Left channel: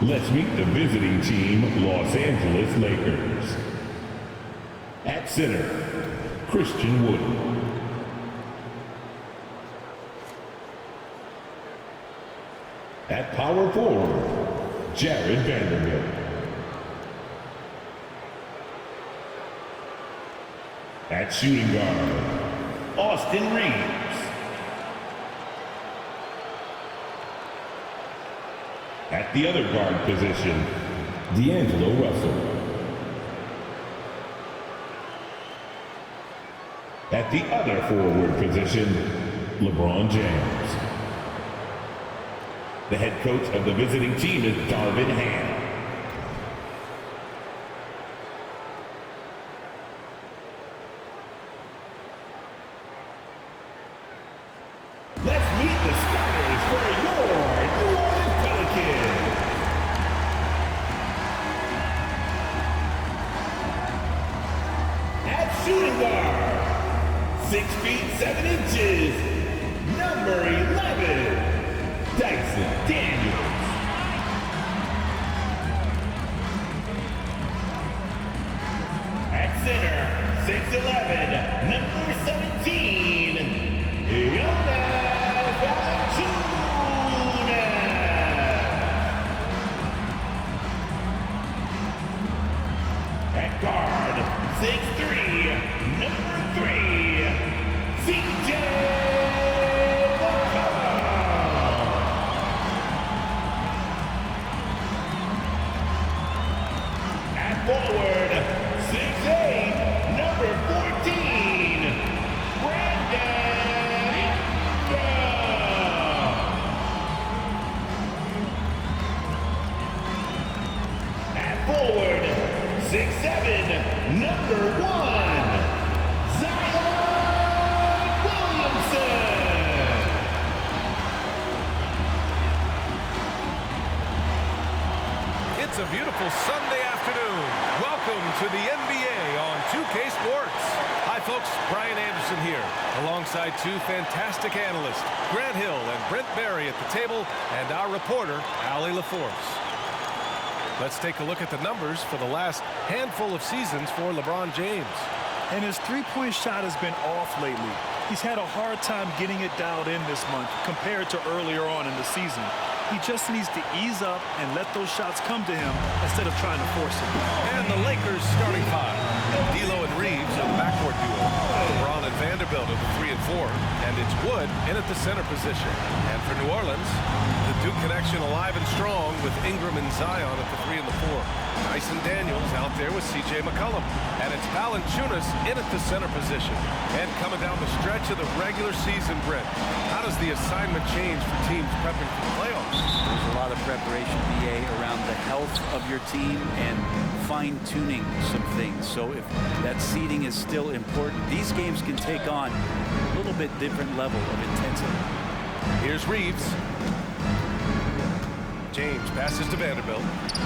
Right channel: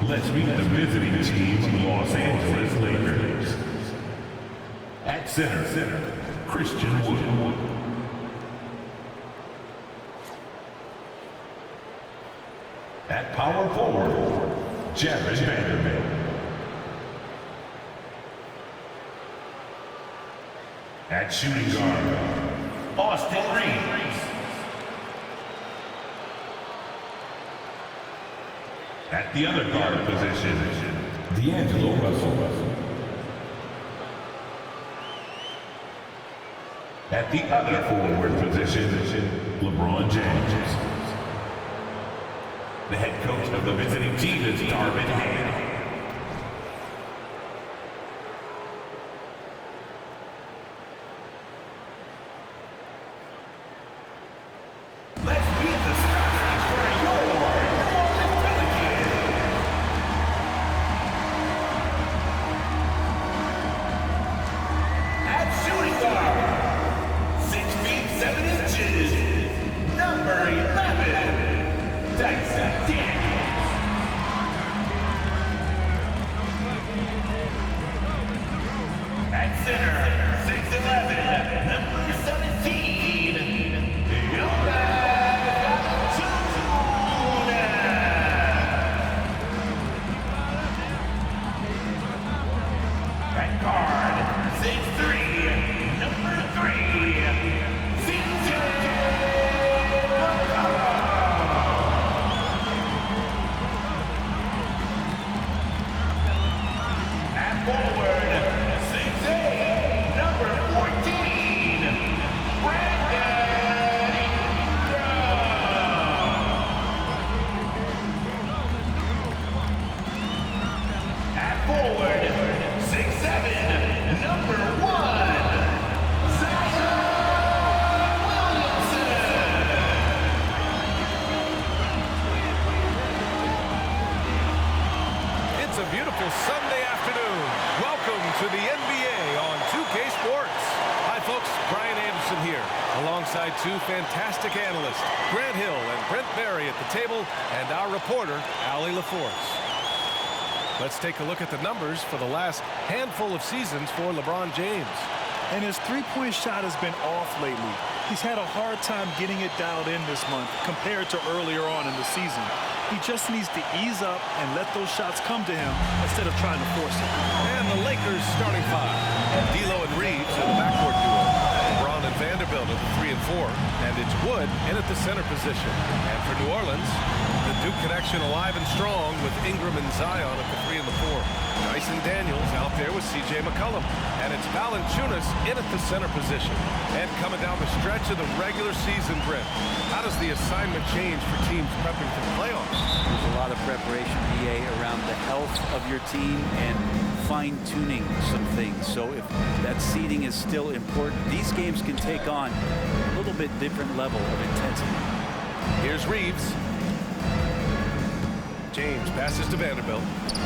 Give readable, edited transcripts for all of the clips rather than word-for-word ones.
Let's meet the visiting team, Los Angeles Lakers. At center, Christian Wood. At power forward, Jared Vanderbilt. At shooting guard, Austin Reeves. At the other guard position, D'Angelo Russell. At the other forward position, LeBron James. The head coach of the visiting team is Darvin Ham. Let's meet the starters for your New Orleans Pelicans. At shooting guard, 6 feet 7 inches, number 11. Dyson Daniels. At center, 6'11", number 17, Jonas Valanciunas. At guard, 6'3", number 3, CJ. Forward, 6'8", number 14, Brandon Ingram. At forward, 6'7", number 1, Zion Williamson. It's a beautiful Sunday afternoon. Welcome to the NBA on 2K Sports. Hi folks, Brian Anderson here, alongside two fantastic analysts, Grant Hill and Brent Barry at the table, and our reporter, Allie LaForce. Let's take a look at the numbers for the last handful of seasons for LeBron James. And his three-point shot has been off lately. He's had a hard time getting it dialed in this month compared to earlier on in the season. He just needs to ease up and let those shots come to him instead of trying to force it. And the Lakers starting five. D'Lo and Reeves are the backcourt duo. LeBron and Vanderbilt are the 3 and 4. And it's Wood in at the center position. And for New Orleans, the Duke connection alive and strong with Ingram and Zion at the 3 and the 4. Dyson Daniels out there with C.J. McCollum. And it's Valanciunas in at the center position. And coming down the stretch of the regular season, Brent, how does the assignment change for teams prepping for the playoffs? There's a lot of preparation, BA, around the health of your team and fine-tuning some things. So if that seeding is still important, these games can take on a little bit different level of intensity. Here's Reeves. James passes to Vanderbilt.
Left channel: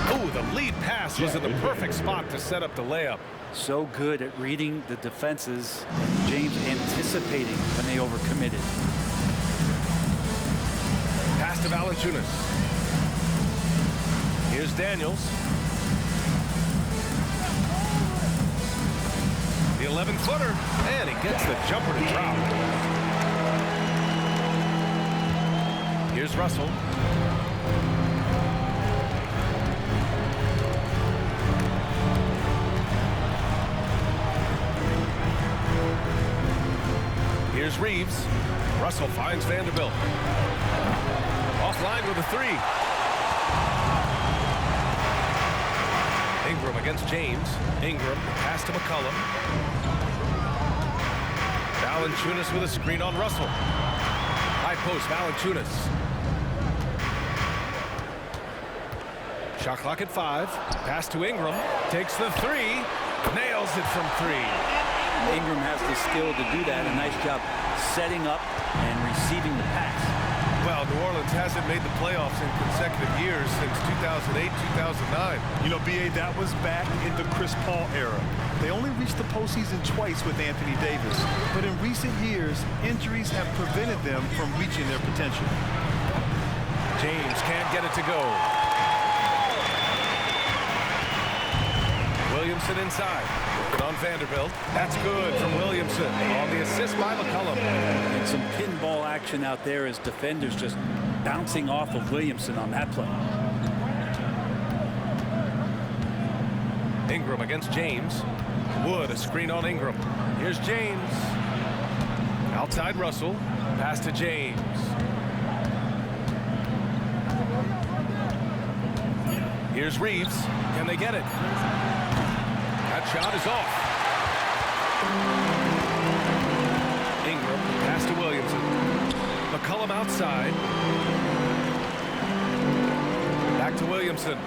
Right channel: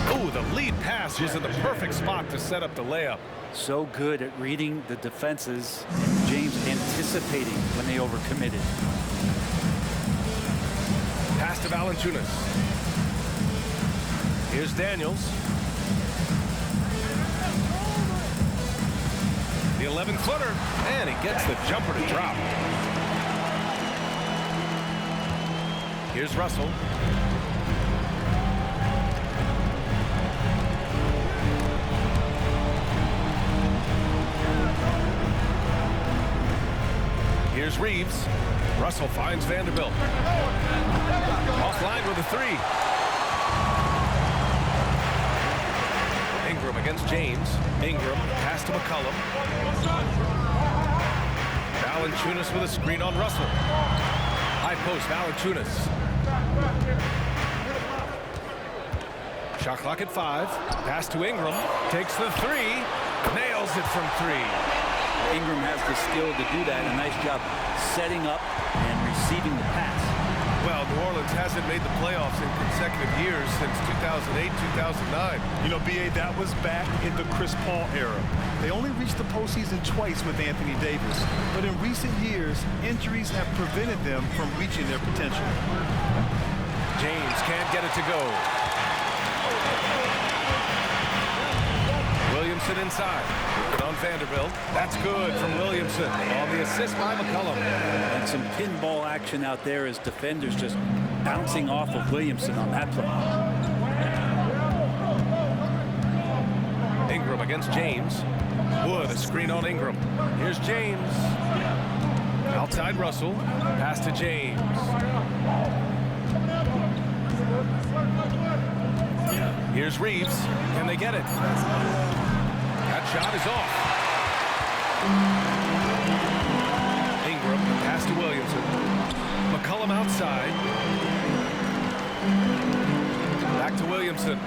Oh, the lead pass was in the perfect spot to set up the layup. So good at reading the defenses, and James anticipating when they overcommitted. Pass to Valanciunas. Here's Daniels. The 11-footer, and he gets the jumper to drop. Here's Russell. Here's Reeves. Russell finds Vanderbilt. Offline with a 3. Ingram against James. Ingram, pass to McCollum. Valanciunas with a screen on Russell. High post, Valanciunas. Shot clock at 5. Pass to Ingram. Takes the 3. Nails it from 3. Ingram has the skill to do that. A nice job setting up and receiving the pass. Well, New Orleans hasn't made the playoffs in consecutive years since 2008, 2009. You know, BA, that was back in the Chris Paul era. They only reached the postseason twice with Anthony Davis. But in recent years, injuries have prevented them from reaching their potential. James can't get it to go. Williamson inside. Working on Vanderbilt. That's good from Williamson on the assist by McCollum. And some pinball action out there as defenders just bouncing off of Williamson on that play. Ingram against James. Wood, a screen on Ingram. Here's James. Outside Russell. Pass to James. Here's Reeves. Can they get it? That shot is off. Ingram, the pass to Williamson. McCollum outside. Back to Williamson.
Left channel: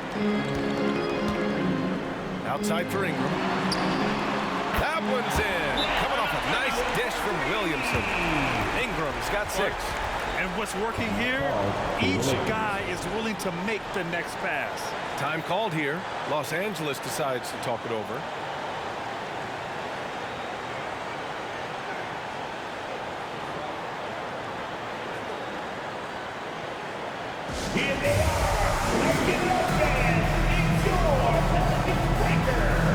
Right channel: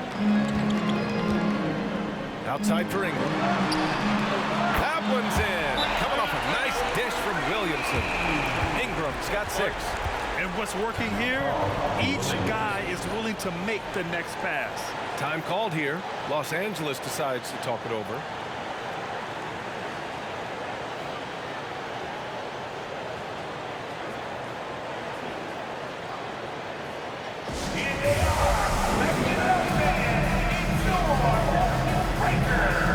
Outside for Ingram. That one's in. Coming off a nice dish from Williamson. Ingram's got 6. And what's working here, each guy is willing to make the next pass. Time called here. Los Angeles decides to talk it over. Here they are. Let's get it up, man. It's your Breaker.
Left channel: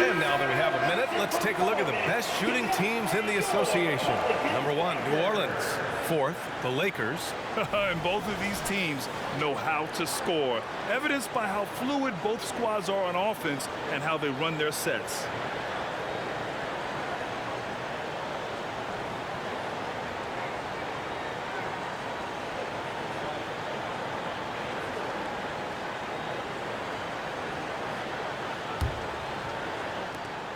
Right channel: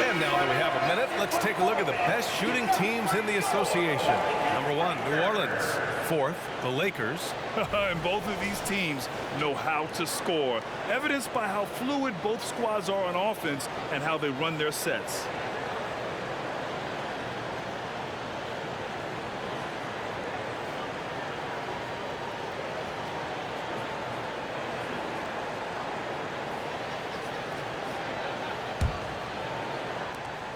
And now that we have a minute, let's take a look at the best shooting teams in the association. Number 1, New Orleans. 4th, the Lakers. And both of these teams know how to score, evidenced by how fluid both squads are on offense and how they run their sets.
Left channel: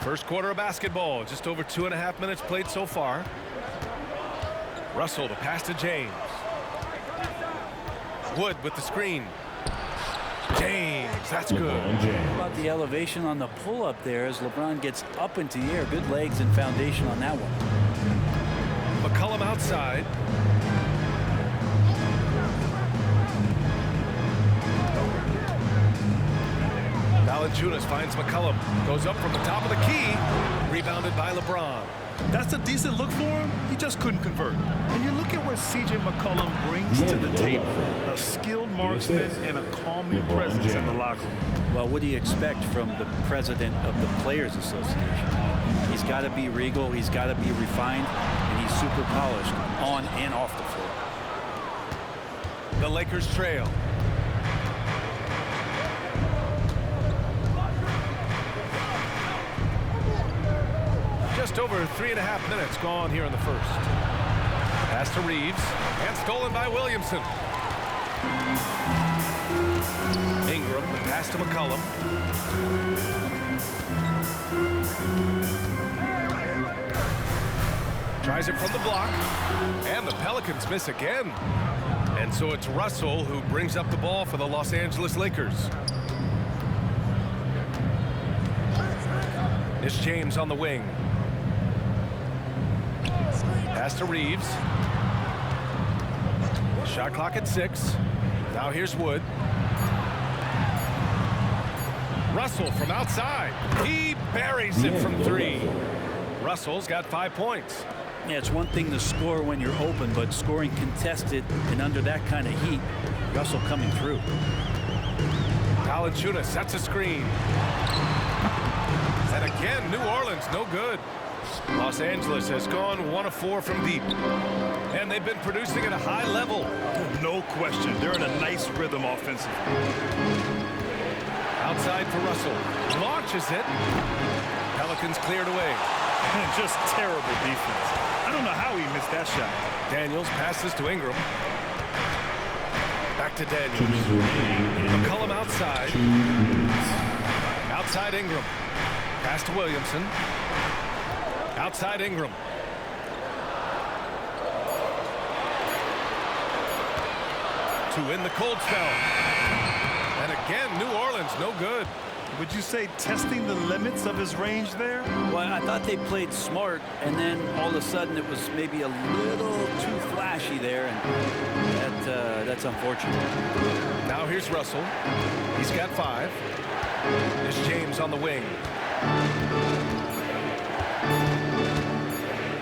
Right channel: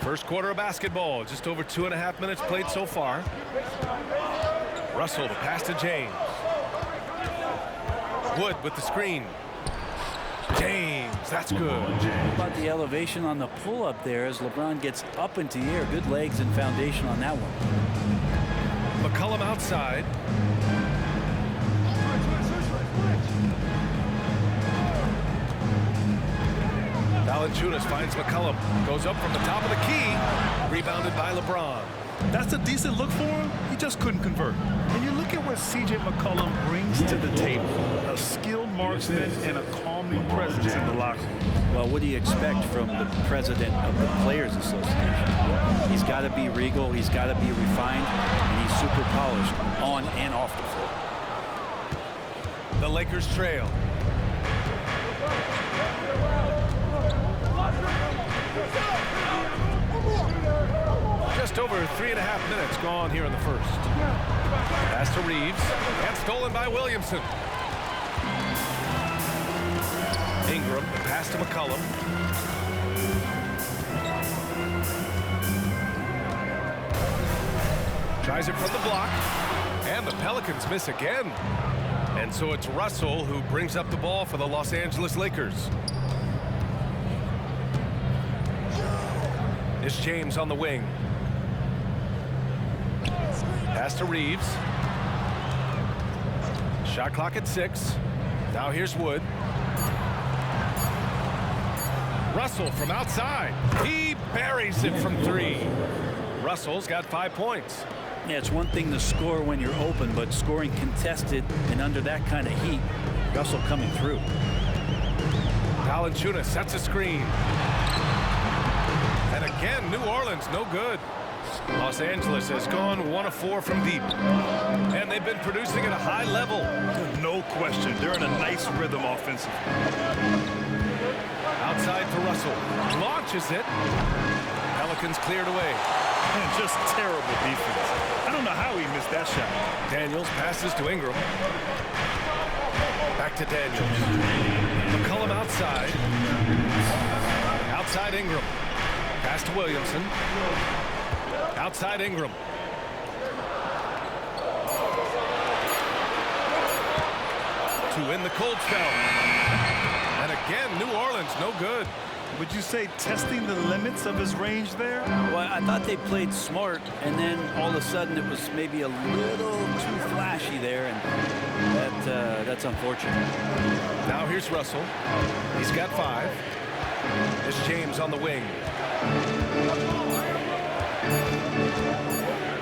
First quarter of basketball, just over 2.5 minutes played so far. Russell, the pass to James. Wood with the screen. James, that's good. How about the elevation on the pull-up there as LeBron gets up into the air? Good legs and foundation on that one. McCollum outside. Valanciunas finds McCollum. Goes up from the top of the key. Rebounded by LeBron. That's a decent look for him. He just couldn't convert. And you look at what C.J. McCollum brings to the table. A skilled marksman and a calming presence in the locker room. Well, what do you expect from the president of the Players Association? He's got to be regal. He's got to be refined. And he's super polished on and off the floor. The Lakers trail. Just over 3.5 minutes gone here in the first. Pass to Reeves and stolen by Williamson. Ingram, the pass to McCollum. Tries it from the block, and the Pelicans miss again. And so it's Russell who brings up the ball for the Los Angeles Lakers. It's James on the wing. Pass to Reeves. Shot clock at 6. Now here's Wood. Russell from outside. He buries it from 3. Russell's got 5 points. Yeah, it's one thing to score when you're open, but scoring contested and under that kind of heat, Russell coming through. Valanciunas sets a screen. And again, New Orleans, no good. Los Angeles has gone 1 of 4 from deep. And they've been producing at a high level. No question. They're in a nice rhythm offensively. Outside for Russell. Launches it. Pelicans cleared away. And just terrible defense. I don't know how he missed that shot. Daniels passes to Ingram. Back to Daniels. McCollum outside. Outside Ingram. Pass to Williamson. Outside Ingram. To in the cold spell. And again, New Orleans, no good. Would you say testing the limits of his range there? Well, I thought they played smart, and then all of a sudden it was maybe a little too flashy there, and that's unfortunate. Now here's Russell. He's got 5. There's James on the wing.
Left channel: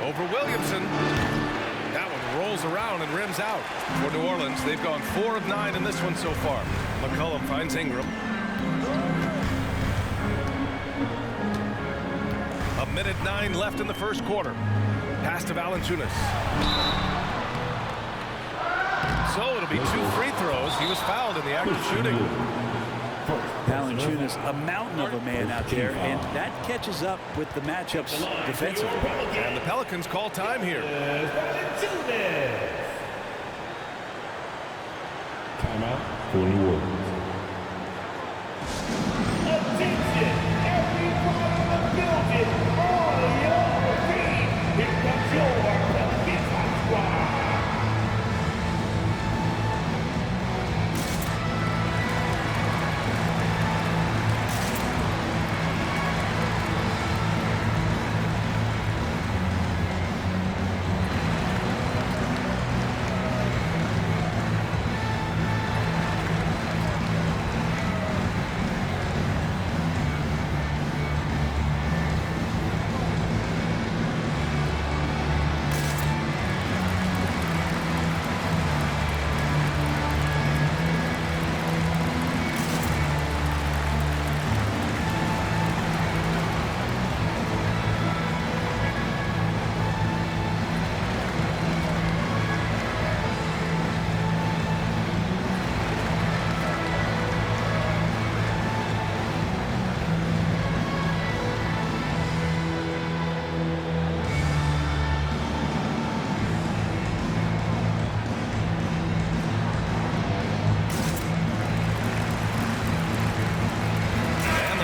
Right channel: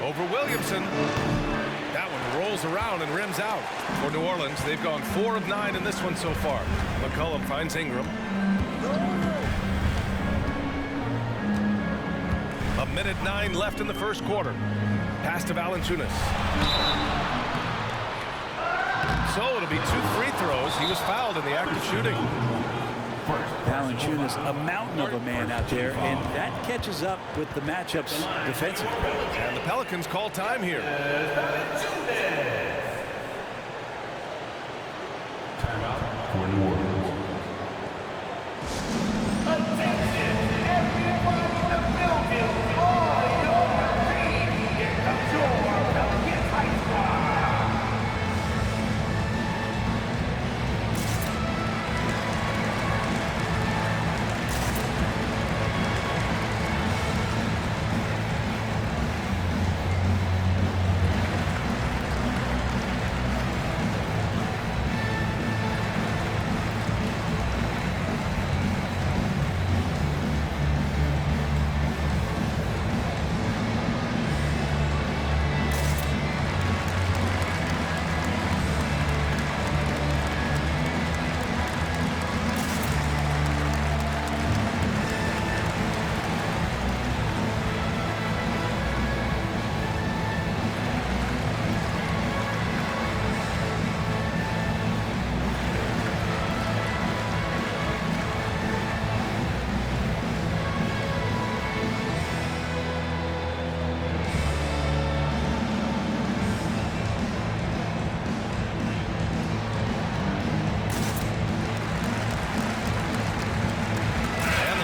Over Williamson. That one rolls around and rims out. For New Orleans, they've gone 4 of 9 in this one so far. McCollum finds Ingram. A minute 9 left in the first quarter. Pass to Valanciunas. So it'll be 2 free throws. He was fouled in the act of shooting. Valanciunas, a mountain of a man out there, and that catches up with the matchups defensively. And the Pelicans call time here. Timeout for New Orleans. Attention, everyone in the building, on your feet. Here comes your Pelicans High Squad.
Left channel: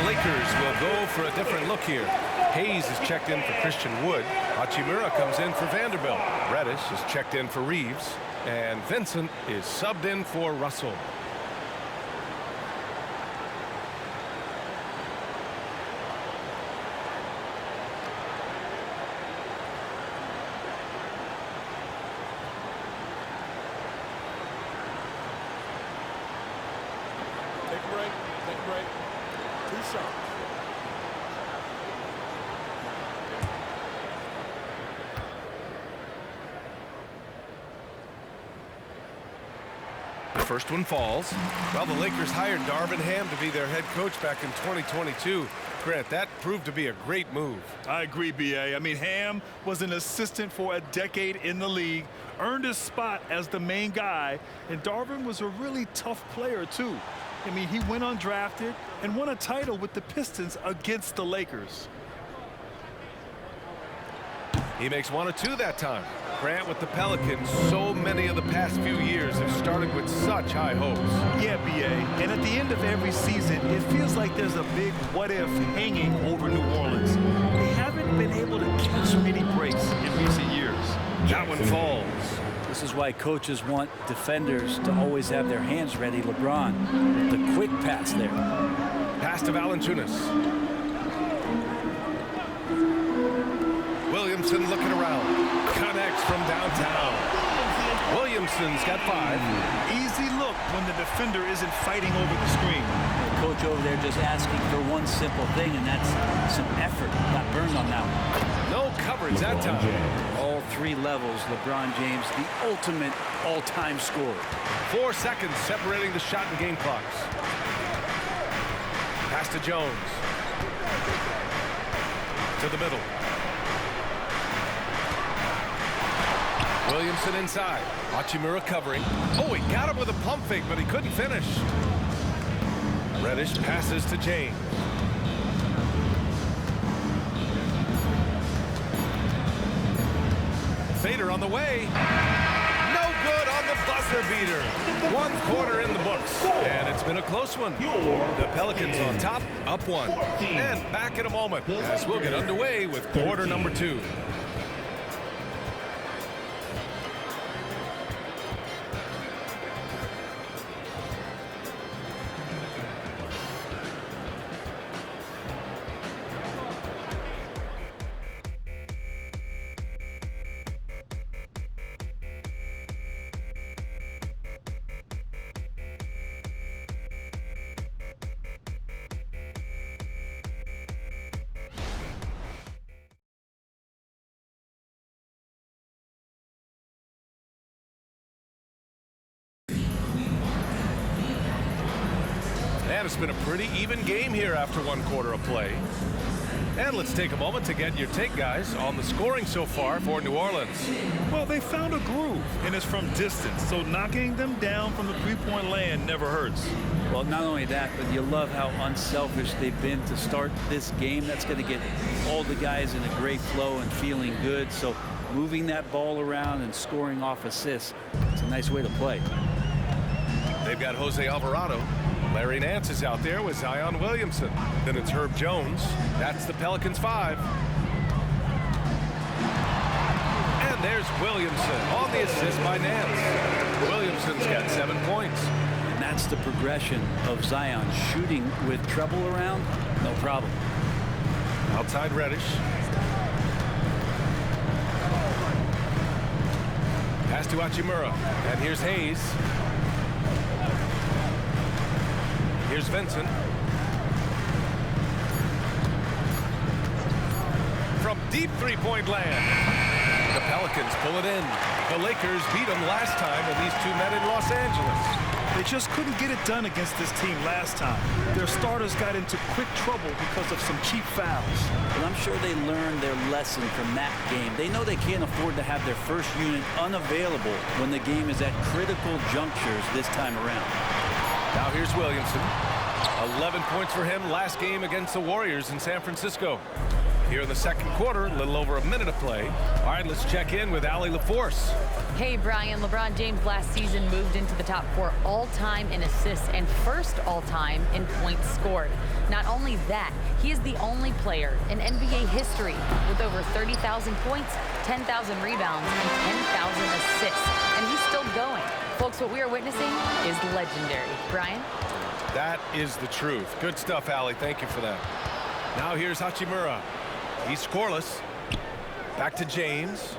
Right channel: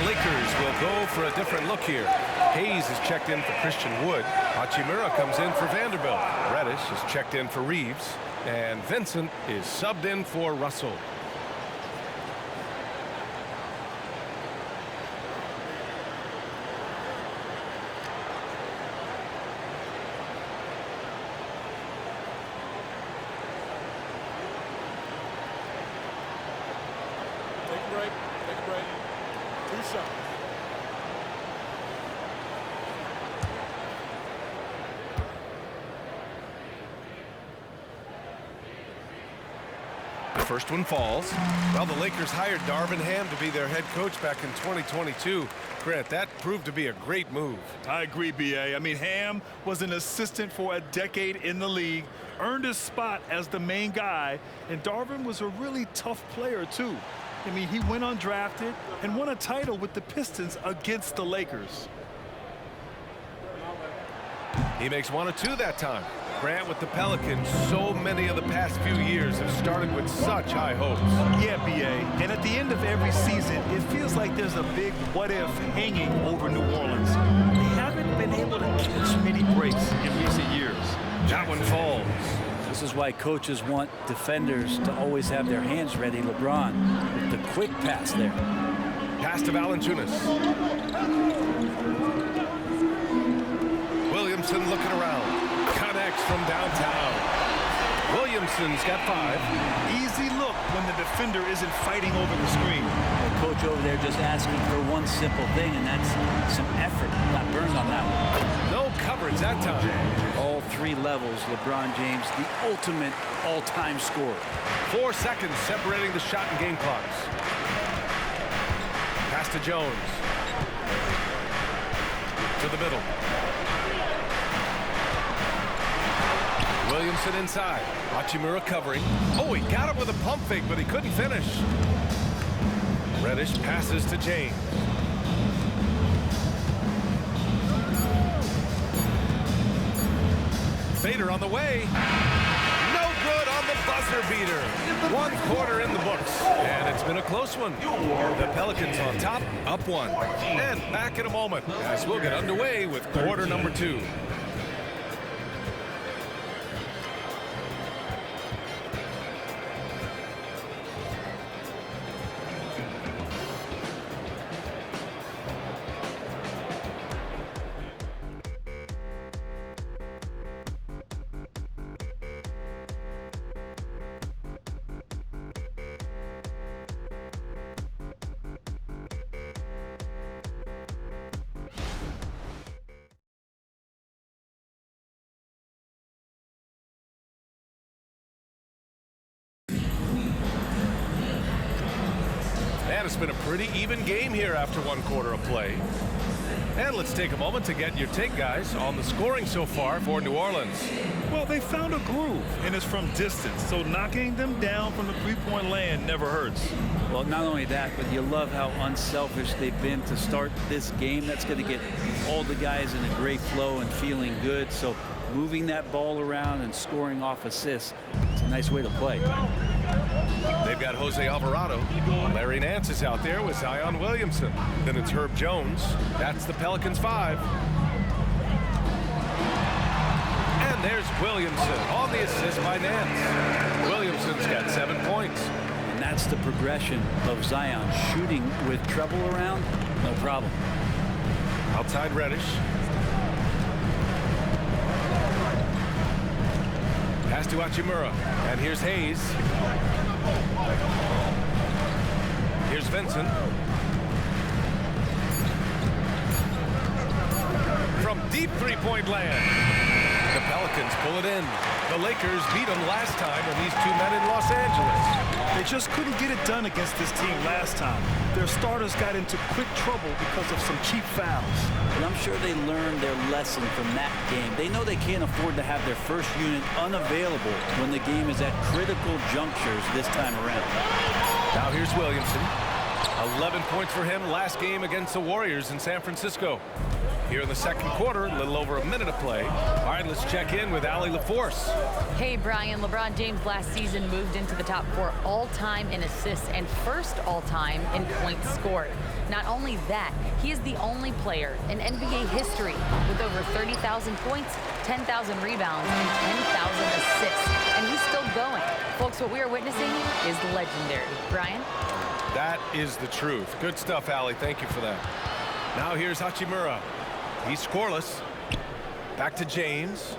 Lakers will go for a different look here. Hayes is checked in for Christian Wood. Hachimura comes in for Vanderbilt. Reddish is checked in for Reeves. And Vincent is subbed in for Russell. Take a break. Take a break. 2 shots. The first one falls. Well, the Lakers hired Darvin Ham to be their head coach back in 2022. Grant, that proved to be a great move. I agree, B.A. I mean, Ham was an assistant for a decade in the league, earned his spot as the main guy, and Darvin was a really tough player, too. I mean, he went undrafted and won a title with the Pistons against the Lakers. He makes 1 of 2 that time. Grant, with the Pelicans, so many of the past few years have started with such high hopes. Yeah, B.A. And at the end of every season, it feels like there's a big what-if hanging over New Orleans. They haven't been able to catch many breaks in recent years. That one falls. This is why coaches want defenders to always have their hands ready. LeBron with the quick pass there. Pass to Valanciunas. Williamson looking around. Connects from downtown. Williamson's got 5. Easy look when the defender isn't fighting over the screen. The coach over there just asking for one simple thing, and that's some effort. Got burned on that one. No coverage that time. All 3 levels, LeBron James, the ultimate all-time scorer. 4 seconds separating the shot and game clocks. Pass to Jones. To the middle. Williamson inside. Hachimura covering. Oh, he got him with a pump fake, but he couldn't finish. Reddish passes to James. Fader on the way. No good on the buzzer beater. 1 quarter in the books, and it's been a close one. The Pelicans on top, up 1. And back in a moment as we'll get underway with quarter number 2. And it's been a pretty even game here after 1 quarter of play. And let's take a moment to get your take, guys, on the scoring so far for New Orleans. Well, they found a groove, and it's from distance, so knocking them down from the three-point land never hurts. Well, not only that, but you love how unselfish they've been to start this game. That's going to get all the guys in a great flow and feeling good. So moving that ball around and scoring off assists, it's a nice way to play. They've got Jose Alvarado. Larry Nance is out there with Zion Williamson. Then it's Herb Jones. That's the Pelicans 5. And there's Williamson on the assist by Nance. Williamson's got 7 points. And that's the progression of Zion. Shooting with trouble around, no problem. Outside Reddish. Pass to Hachimura. And here's Hayes. Here's Vincent. From deep three-point land. The Pelicans pull it in. The Lakers beat them last time when these two met in Los Angeles. They just couldn't get it done against this team last time. Their starters got into quick trouble because of some cheap fouls. And I'm sure they learned their lesson from that game. They know they can't afford to have their first unit unavailable when the game is at critical junctures this time around. Now here's Williamson. 11 points for him last game against the Warriors in San Francisco. Here in the second quarter, a little over a minute of play. All right, let's check in with Allie LaForce. Hey, Brian. LeBron James last season moved into the top 4 all-time in assists and first all-time in points scored. Not only that, he is the only player in NBA history with over 30,000 points, 10,000 rebounds, and 10,000 assists. And he's still going. Folks, what we are witnessing is legendary. Brian? That is the truth. Good stuff, Allie. Thank you for that. Now here's Hachimura. He's scoreless. Back to James.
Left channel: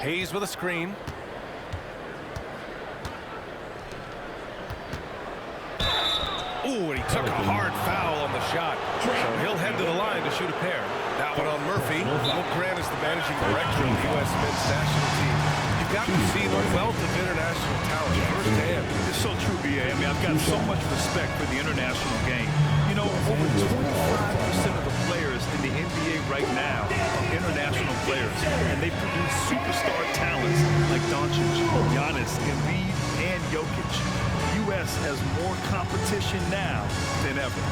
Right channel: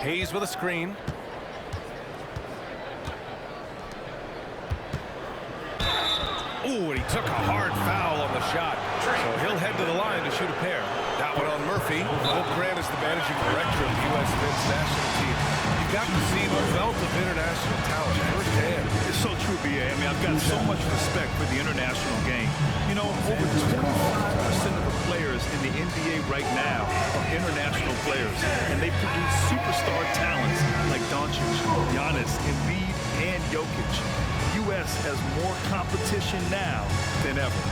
Hayes with a screen. Ooh, and he took a hard foul on the shot. So he'll head to the line to shoot a pair. That one on Murphy. Will Grant is the managing director of the U.S. men's national team. You've got to see the wealth of international talent firsthand. It's so true, B.A. I mean, I've got so much respect for the international game. You know, over 25% of the players in the NBA right now are international players, and they produce superstar talents like Doncic, Giannis, Embiid, and Jokic. The U.S. has more competition now than ever.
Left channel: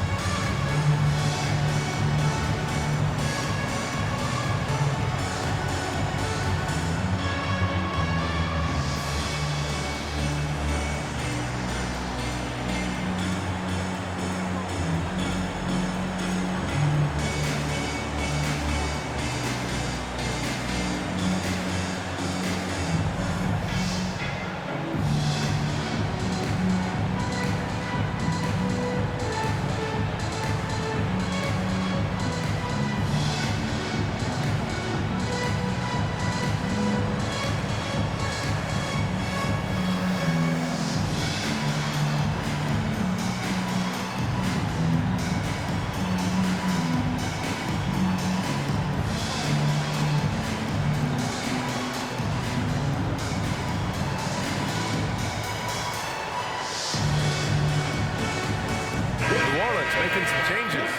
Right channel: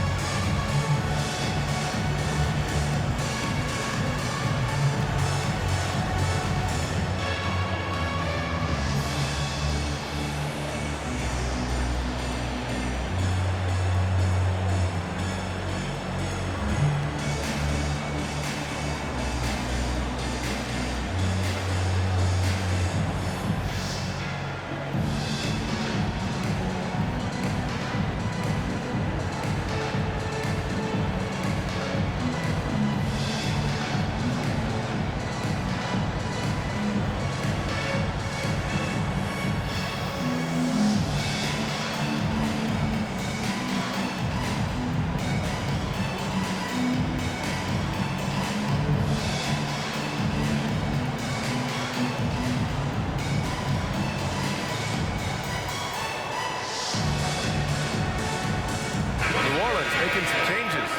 New Orleans making some changes.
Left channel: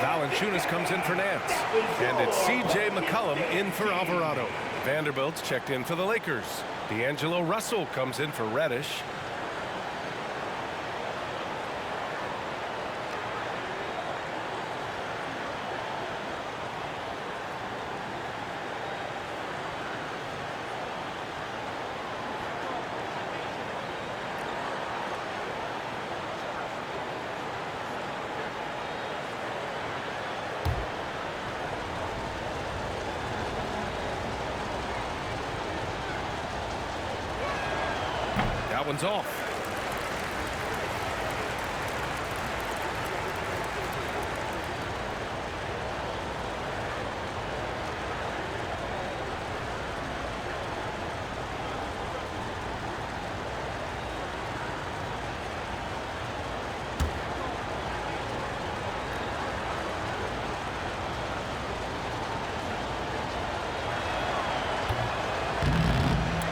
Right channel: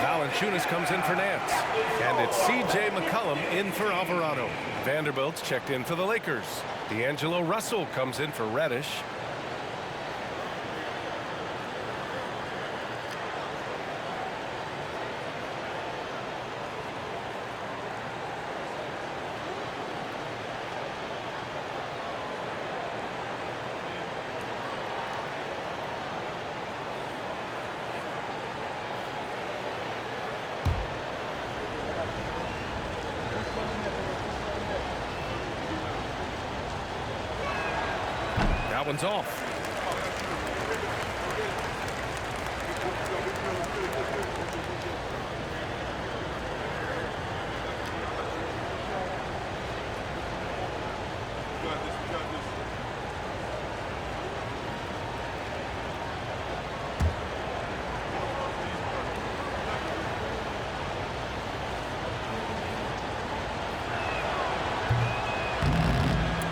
Valanciunas comes in for Nance. And it's C.J. McCollum in for Alvarado. Vanderbilt's checked in for the Lakers. D'Angelo Russell comes in for Reddish. That one's off.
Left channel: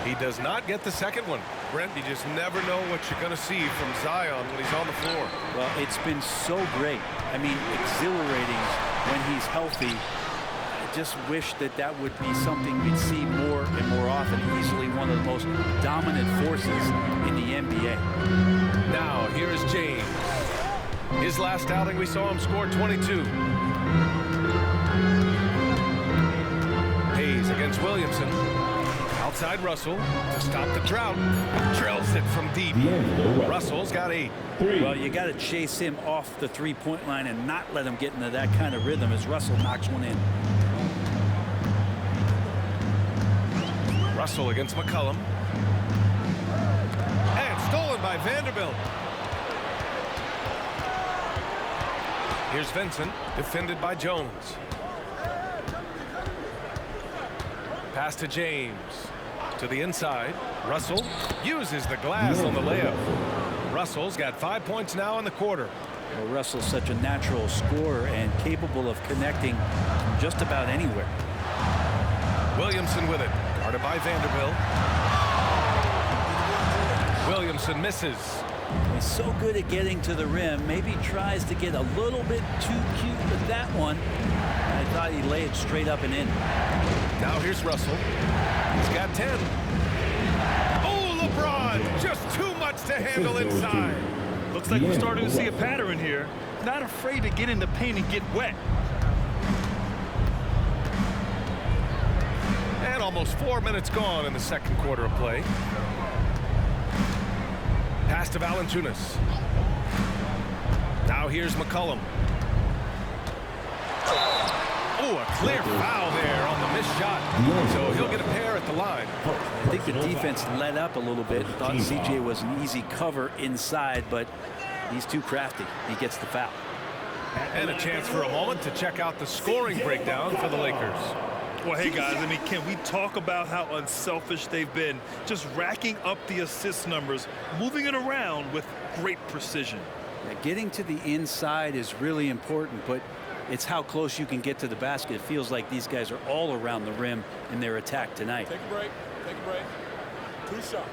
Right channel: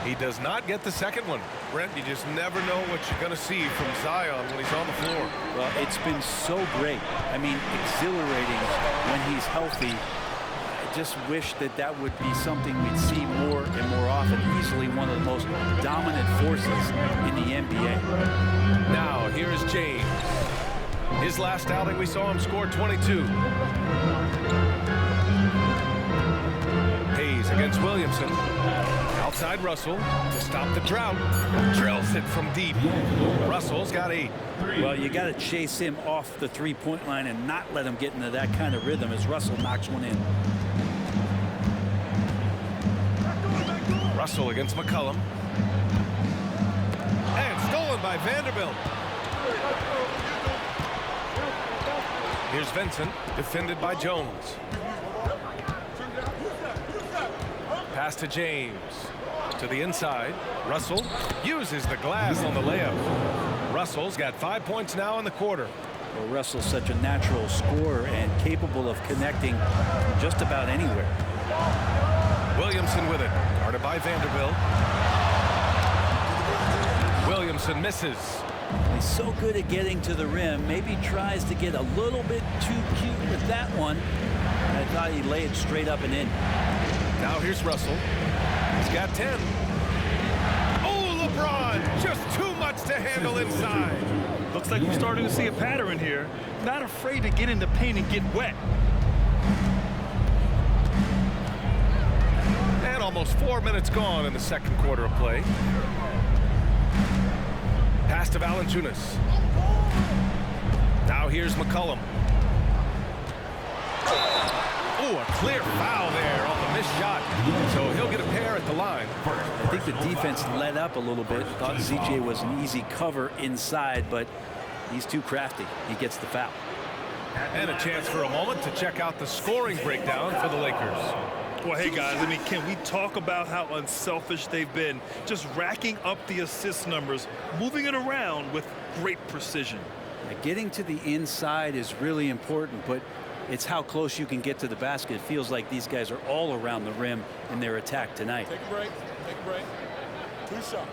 He does not get the second one. Brent, you just never know what you're going to see from Zion when he's on the floor. Well, it's been so great. I mean, exhilarating when he's healthy. I just wish that that would be something we'd see more and more often. Easily one of the most dominant forces in the NBA. Now, here is James. His last outing, we saw him score 22. Hayes against Williamson. Outside Russell to stop the drought. Drills it from deep. Russell's got 8. Well, you got to chase him off the three-point line and not let him get into that kind of rhythm as Russell knocks one in. Russell against McCollum. And stolen by Vanderbilt. Here's Vincent, defended by Jones. Pass to James. To the inside. Russell uses the glass on the layup. Russell's got 5 points now in the quarter. Well, Russell's such a natural scorer and capable of connecting from just about anywhere. Williamson with it. Guarded by Vanderbilt. Williamson misses. He's so good at getting to the rim. Maybe tries to get a little bit too cute with that one. I thought he'd lay it straight up and in. Now here's Russell. He's got 10. Oh, LeBron! Just too much to handle inside. Looks like we're starting to see a pattern here. Not afraid to get in the paint and get wet. And almost 4 minutes gone in the second quarter of play. Pass to Valanciunas. Now here's McCollum. Oh, a clear foul there on the missed shot. So he'll get a pair at the line. I think the defense let up a little bit. Thought CJ was an easy cover inside, but he's too crafty. He gets the foul. And a chance for a moment to check out the scoring breakdown for the Lakers. Well, hey, guys, I mean, can we talk about how unselfish they've been? Just racking up the assist numbers, moving it around with great precision. Yeah, getting to the inside is really important, but it's how close you can get to the basket. It feels like these guys are all around the rim in their attack tonight. Take a break. Take a break. 2 shots.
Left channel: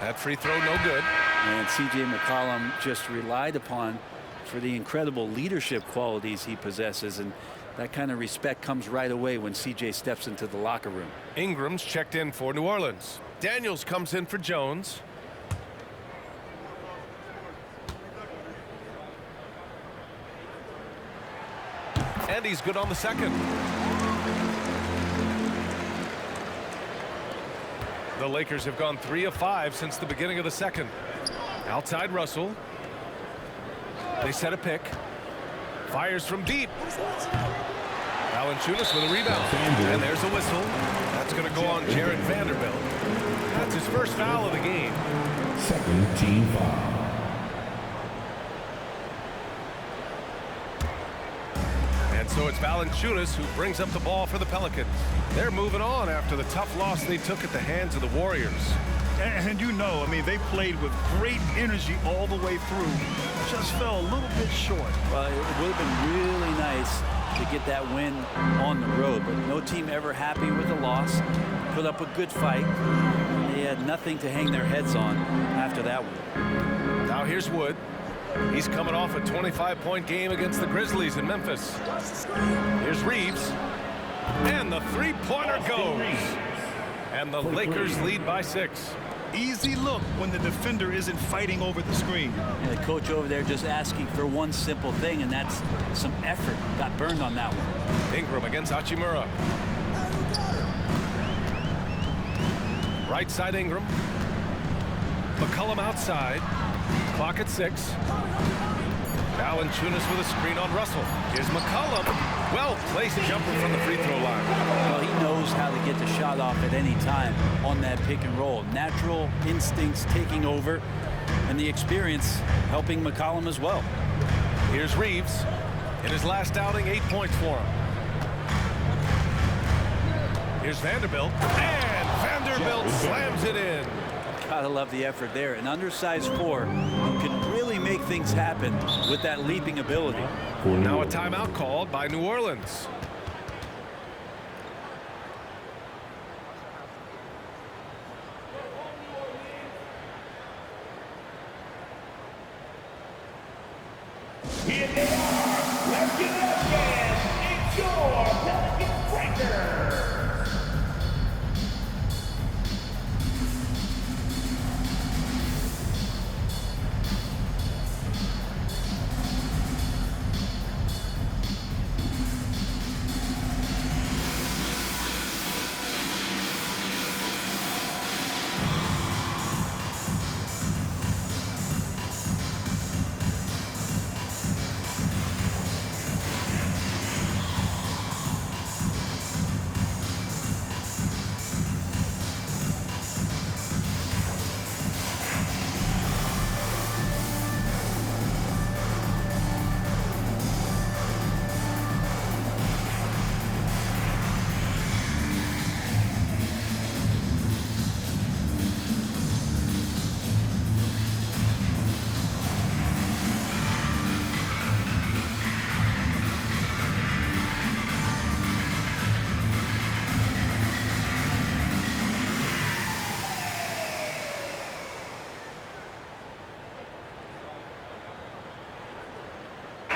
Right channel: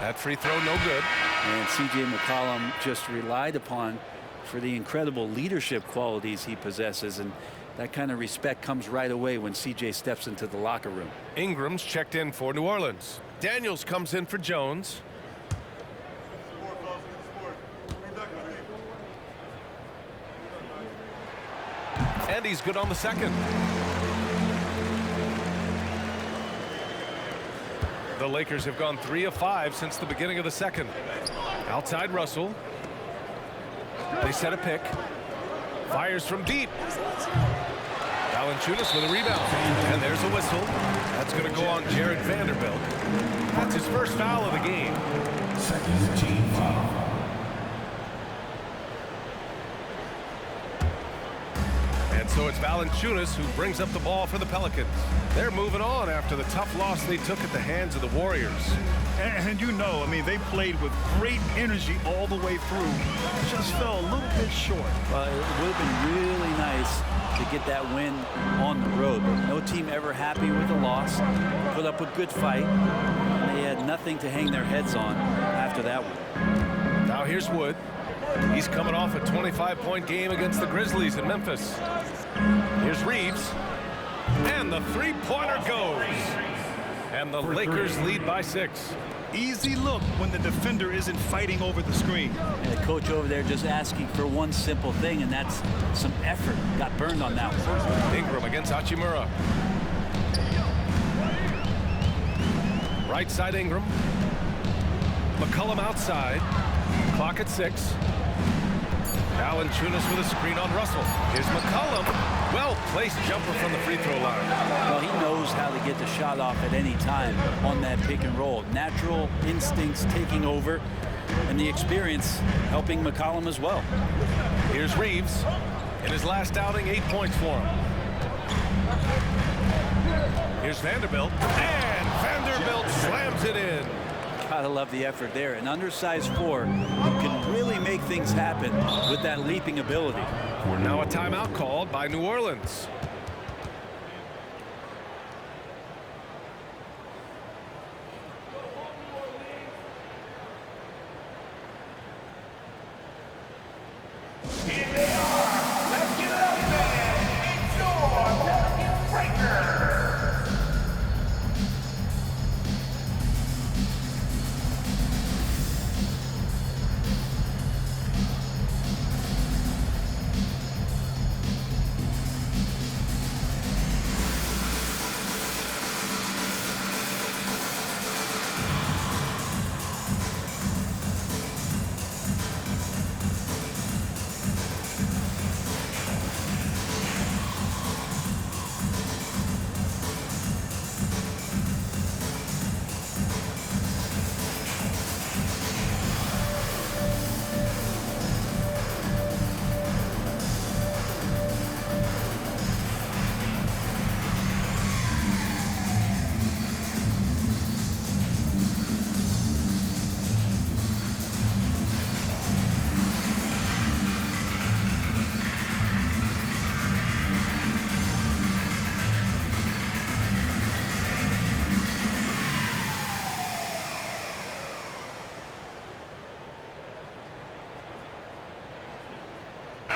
That free throw no good. And C.J. McCollum just relied upon for the incredible leadership qualities he possesses, and that kind of respect comes right away when C.J. steps into the locker room. Ingram's checked in for New Orleans. Daniels comes in for Jones. And he's good on the second. The Lakers have gone 3 of 5 since the beginning of the second. Outside Russell. They set a pick. Fires from deep. Valanciunas with a rebound. And there's a whistle. That's going to go on Jared Vanderbilt. That's his first foul of the game. Second team foul. And so it's Valanciunas who brings up the ball for the Pelicans. They're moving on after the tough loss they took at the hands of the Warriors. And you know, I mean, they played with great energy all the way through. Just fell a little bit short. Well, it would have been really nice to get that win on the road. But no team ever happy with a loss. Put up a good fight. And they had nothing to hang their heads on after that one. Now here's Wood. He's coming off a 25-point game against the Grizzlies in Memphis. Here's Reeves. And the three-pointer goes. And the Lakers lead by 6. Easy look when the defender isn't fighting over the screen. And the coach over there just asking for one simple thing, and that's some effort. Got burned on that one. Ingram against Hachimura. Right side Ingram. McCollum outside. Clock at 6. Valanciunas with a screen on Russell. Here's McCollum. Well-placed jumper from the free throw line. Well, he knows how to get the shot off at any time on that pick and roll. Natural instincts taking over, and the experience helping McCollum as well. Here's Reeves. In his last outing, 8 points for him. Here's Vanderbilt. And Vanderbilt slams it in. Gotta love the effort there. An undersized 4 who can really make things happen with that leaping ability. Now a timeout called by New Orleans. Here they are. Let's give it up, fans. It's your Pelicans Breakers.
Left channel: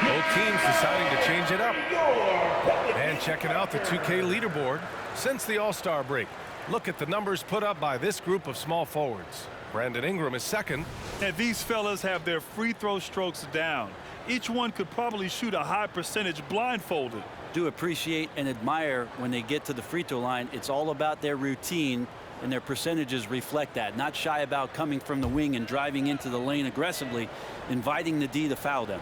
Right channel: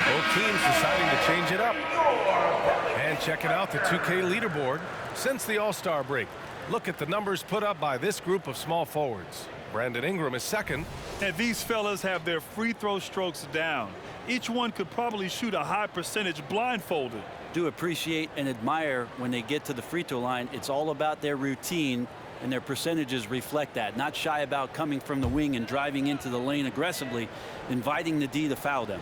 Both teams deciding to change it up. And checking out the 2K leaderboard since the All-Star break. Look at the numbers put up by this group of small forwards. Brandon Ingram is second. And these fellas have their free throw strokes down. Each one could probably shoot a high percentage blindfolded. Do appreciate and admire when they get to the free throw line. It's all about their routine, and their percentages reflect that. Not shy about coming from the wing and driving into the lane aggressively, inviting the D to foul them.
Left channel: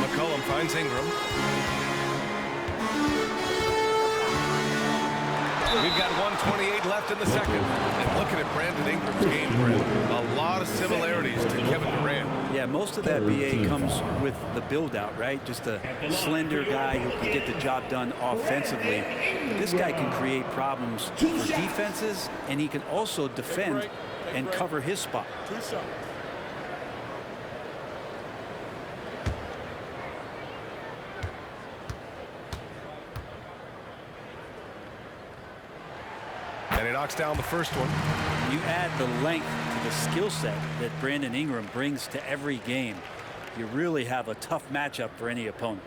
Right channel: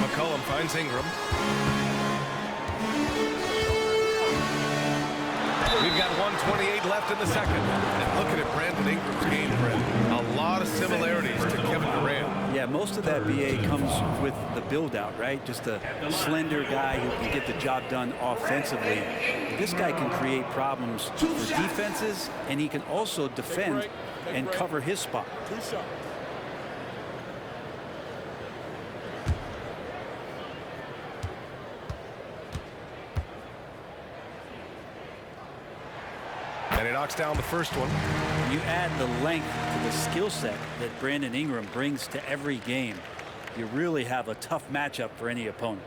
McCollum finds Ingram. We've got 1:28 left in the second. And looking at Brandon Ingram's game, Brent, a lot of similarities to Kevin Durant. Yeah, most of that BA comes with the build-out, right? Just a slender guy who can get the job done offensively. But this guy can create problems for defenses, and he can also defend and cover his spot. 2 shots. And he knocks down the first one. You add the length to the skill set that Brandon Ingram brings to every game. You really have a tough matchup for any opponent.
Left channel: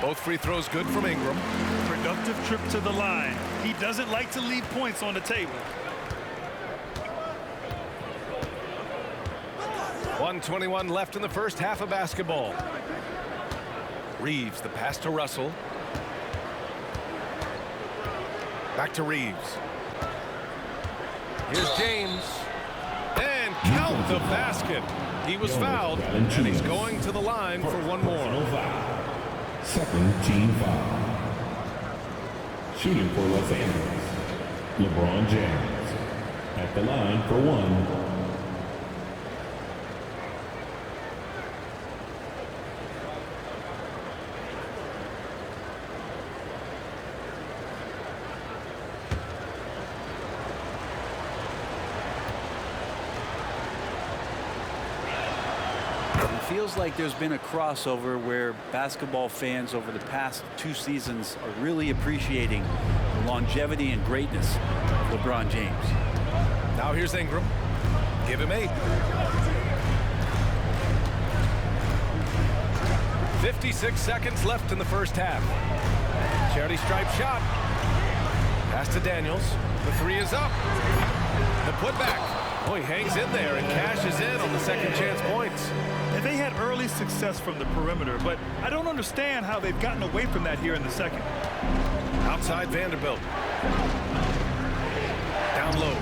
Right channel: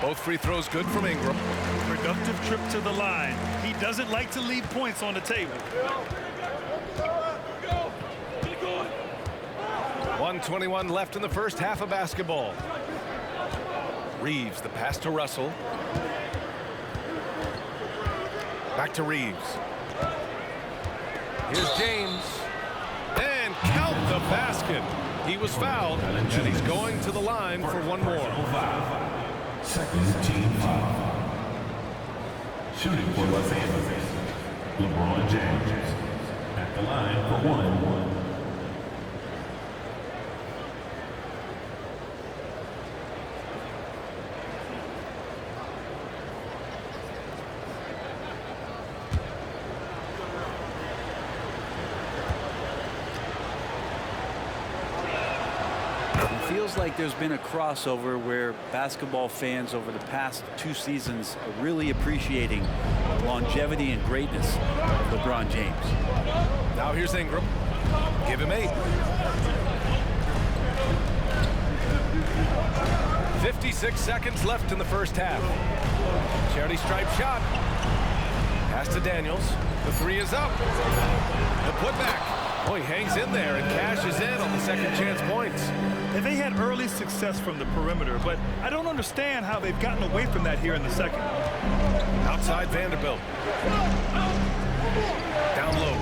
Both free throws good from Ingram. Productive trip to the line. He doesn't like to leave points on the table. 1:21 left in the first half of basketball. Reeves, the pass to Russell. Back to Reeves. Here's James. And count the basket. He was fouled, and he's going to the line for one more. Second team foul. Shooting for Los Angeles, LeBron James. At the line for one. feels like there's been a crossover where basketball fans over the past 2 seasons are really appreciating the longevity and greatness of LeBron James. Now here's Ingram. Give him 8. 56 seconds left in the first half. Charity stripe shot. Pass to Daniels. The 3 is up. The putback. Oh, he hangs in there and cashes in on the second chance points. And they had early success from the perimeter, but I don't understand how they've gotten away from that here in the second. Outside Vanderbilt. Down low.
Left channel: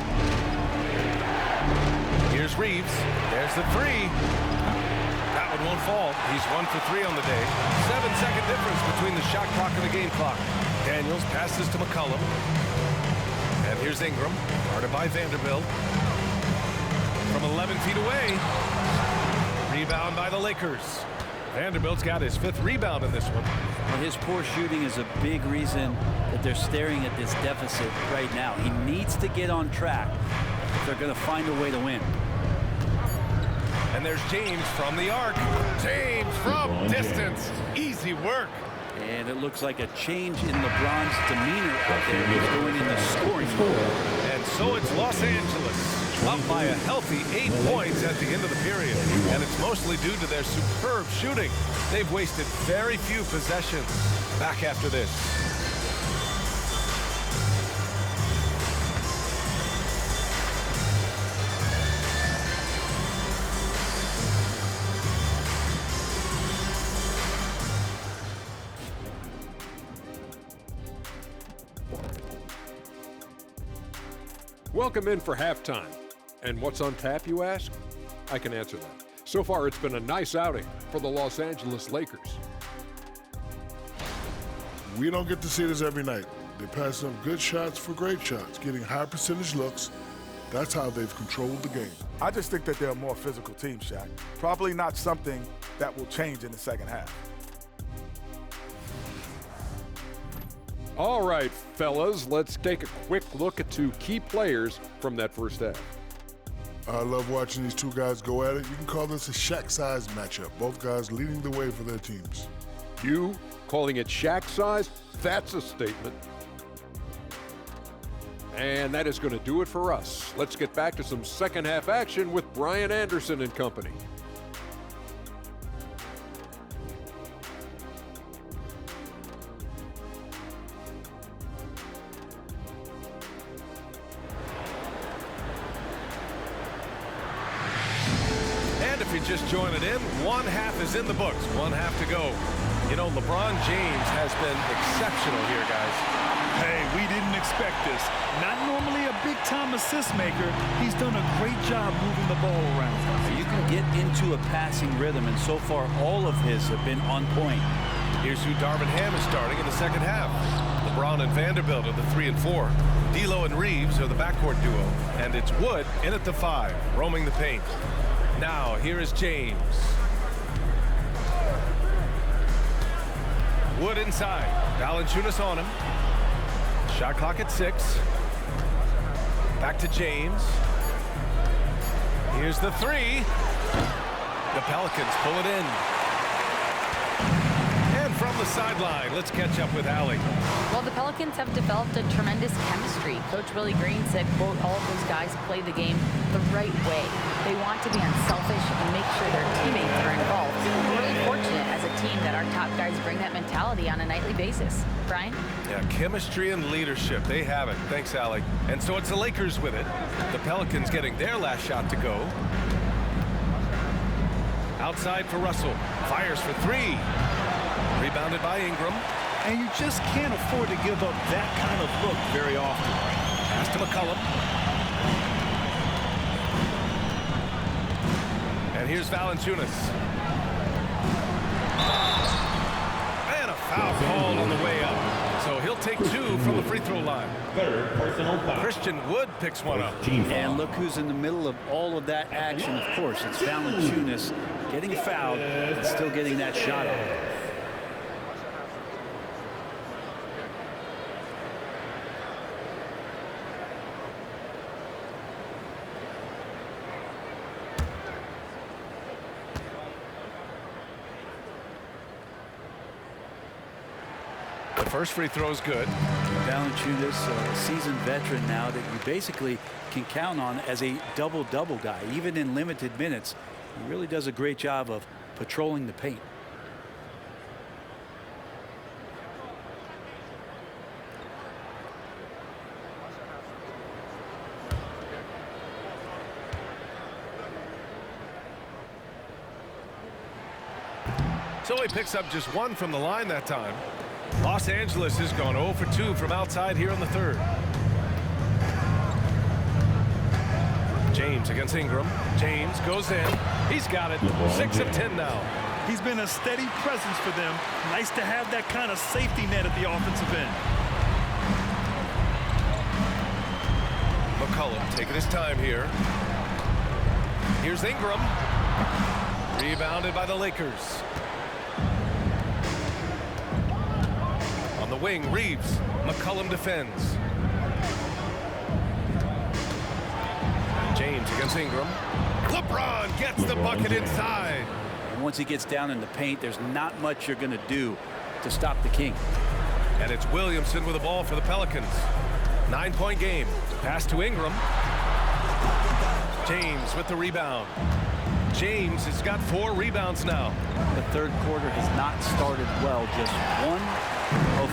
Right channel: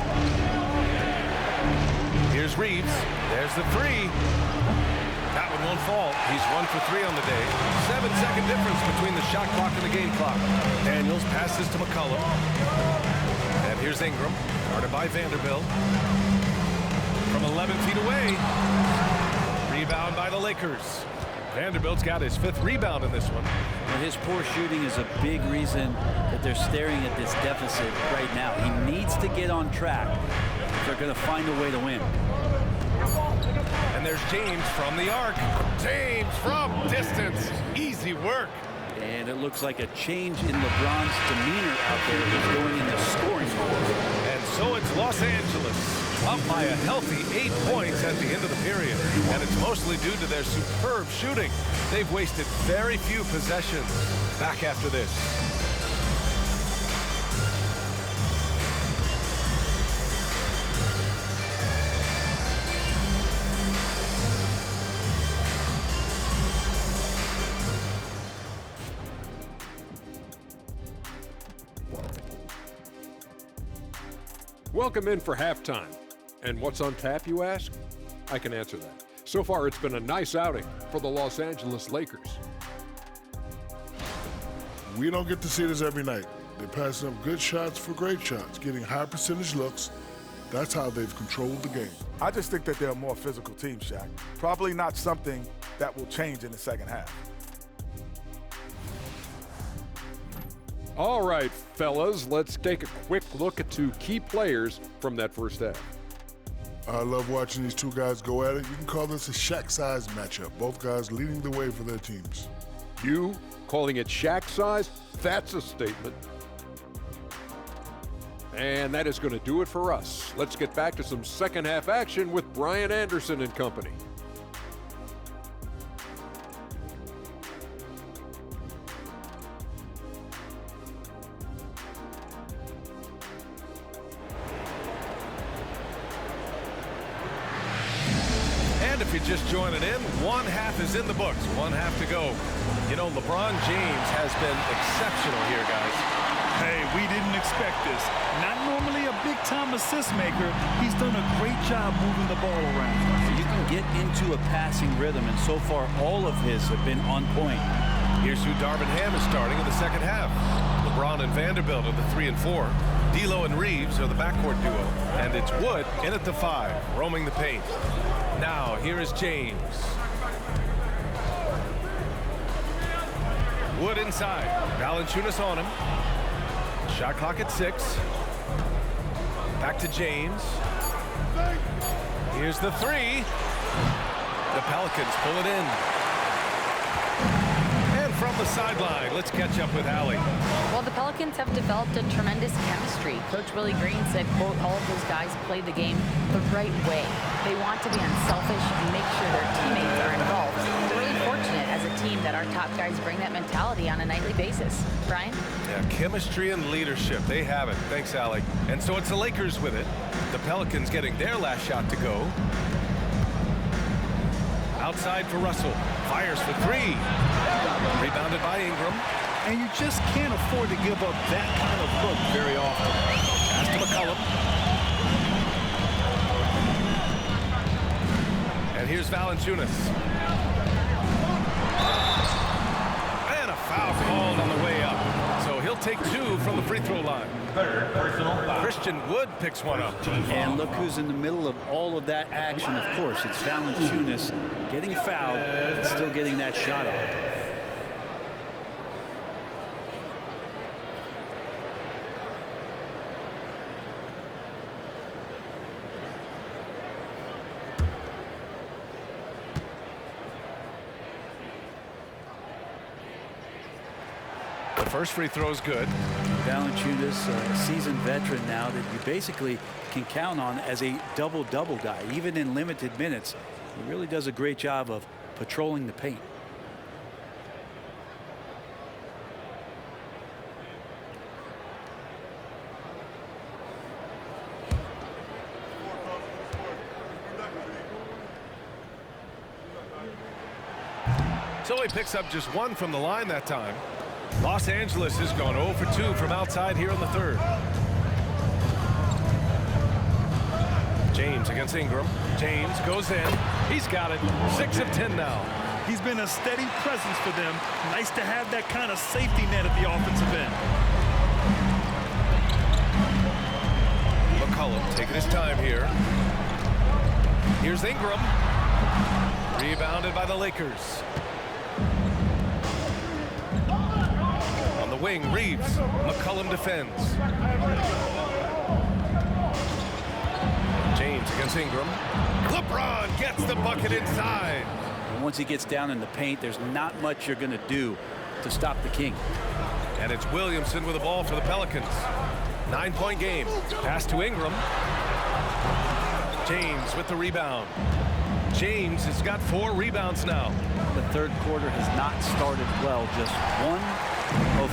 Here's Reeves. There's the 3. That one won't fall. He's 1 for 3 on the day. 7-second difference between the shot clock and the game clock. Daniels passes to McCollum. And here's Ingram, guarded by Vanderbilt. From 11 feet away. Rebound by the Lakers. Vanderbilt's got his 5th rebound in this one. Well, his poor shooting is a big reason that they're staring at this deficit right now. He needs to get on track if they're going to find a way to win. And there's James from the arc. James from distance. Easy work. And it looks like a change in LeBron's demeanor out there. He's going in the scoring mode. And so it's Los Angeles, up by a healthy 8 points at the end of the period. And it's mostly due to their superb shooting. They've wasted very few possessions. Back after this. Welcome in for halftime. And what's on tap, you ask? I can answer that. So far, it's been a nice outing for the Los Angeles Lakers. We don't get to see this every night. They pass up good shots for great shots, getting high percentage looks. That's how they've controlled the game. I just think that they're a more physical team, Shaq. Probably not something that will change in the second half. All right, fellas, let's take a quick look at 2 key players from that first half. I love watching these 2 guys go at it. You can call this a Shaq-size matchup. Both guys leading the way for their teams. You calling it Shaq size? That's a statement. And that is going to do it for us. Let's get back to some second half action with Brian Anderson and company. And if you're just joining in, 1 half is in the books. 1 half to go. You know, LeBron James has been exceptional here, guys. Hey, we didn't expect this. Not normally a big-time assist maker. He's done a great job moving the ball around. You can get into a passing rhythm, and so far all of his have been on point. Here's who Darvin Ham is starting in the second half. LeBron and Vanderbilt are the 3 and 4. D'Lo and Reeves are the backcourt duo. And it's Wood in at the 5, roaming the paint. Now, here is James. Wood inside. Valanciunas on him. Shot clock at 6. Back to James. Here's the 3. The Pelicans pull it in. And from the sideline, let's catch up with Allie. Well, the Pelicans have developed a tremendous chemistry. Coach Willie Green said, quote, all of those guys play the game the right way. They want to be unselfish and make sure their teammates are involved. We're really fortunate as a team that our top guys bring that mentality on a nightly basis. Brian? Yeah, chemistry and leadership. They have it. Thanks, Allie. And so it's the Lakers with it. The Pelicans getting their last shot to go. Outside for Russell. Fires for 3. Rebounded by Ingram. And you just can't afford to give up that kind of look very often. Pass to McCollum. And here's Valanciunas. And a foul called on the way up. So he'll take 2 from the free throw line. 3rd personal foul. Christian Wood picks one up. And look who's in the middle of all of that action. Of course, it's Valanciunas getting fouled and still getting that shot off. The first free throw is good. Valanciunas, a seasoned veteran now that you basically can count on as a double-double guy. Even in limited minutes, he really does a great job of patrolling the paint. So he picks up just 1 from the line that time. Los Angeles has gone 0 for 2 from outside here in the third. James against Ingram. James goes in. He's got it. 6 of 10 now. He's been a steady presence for them. Nice to have that kind of safety net at the offensive end. McCollum taking his time here. Here's Ingram. Rebounded by the Lakers. On the wing, Reeves. McCollum defends. James against Ingram. LeBron gets the bucket inside. And once he gets down in the paint, there's not much you're going to do to stop the King. And it's Williamson with the ball for the Pelicans. 9-point game. Pass to Ingram. James with the rebound. James has got 4 rebounds now. The third quarter has not started well. Just 1 of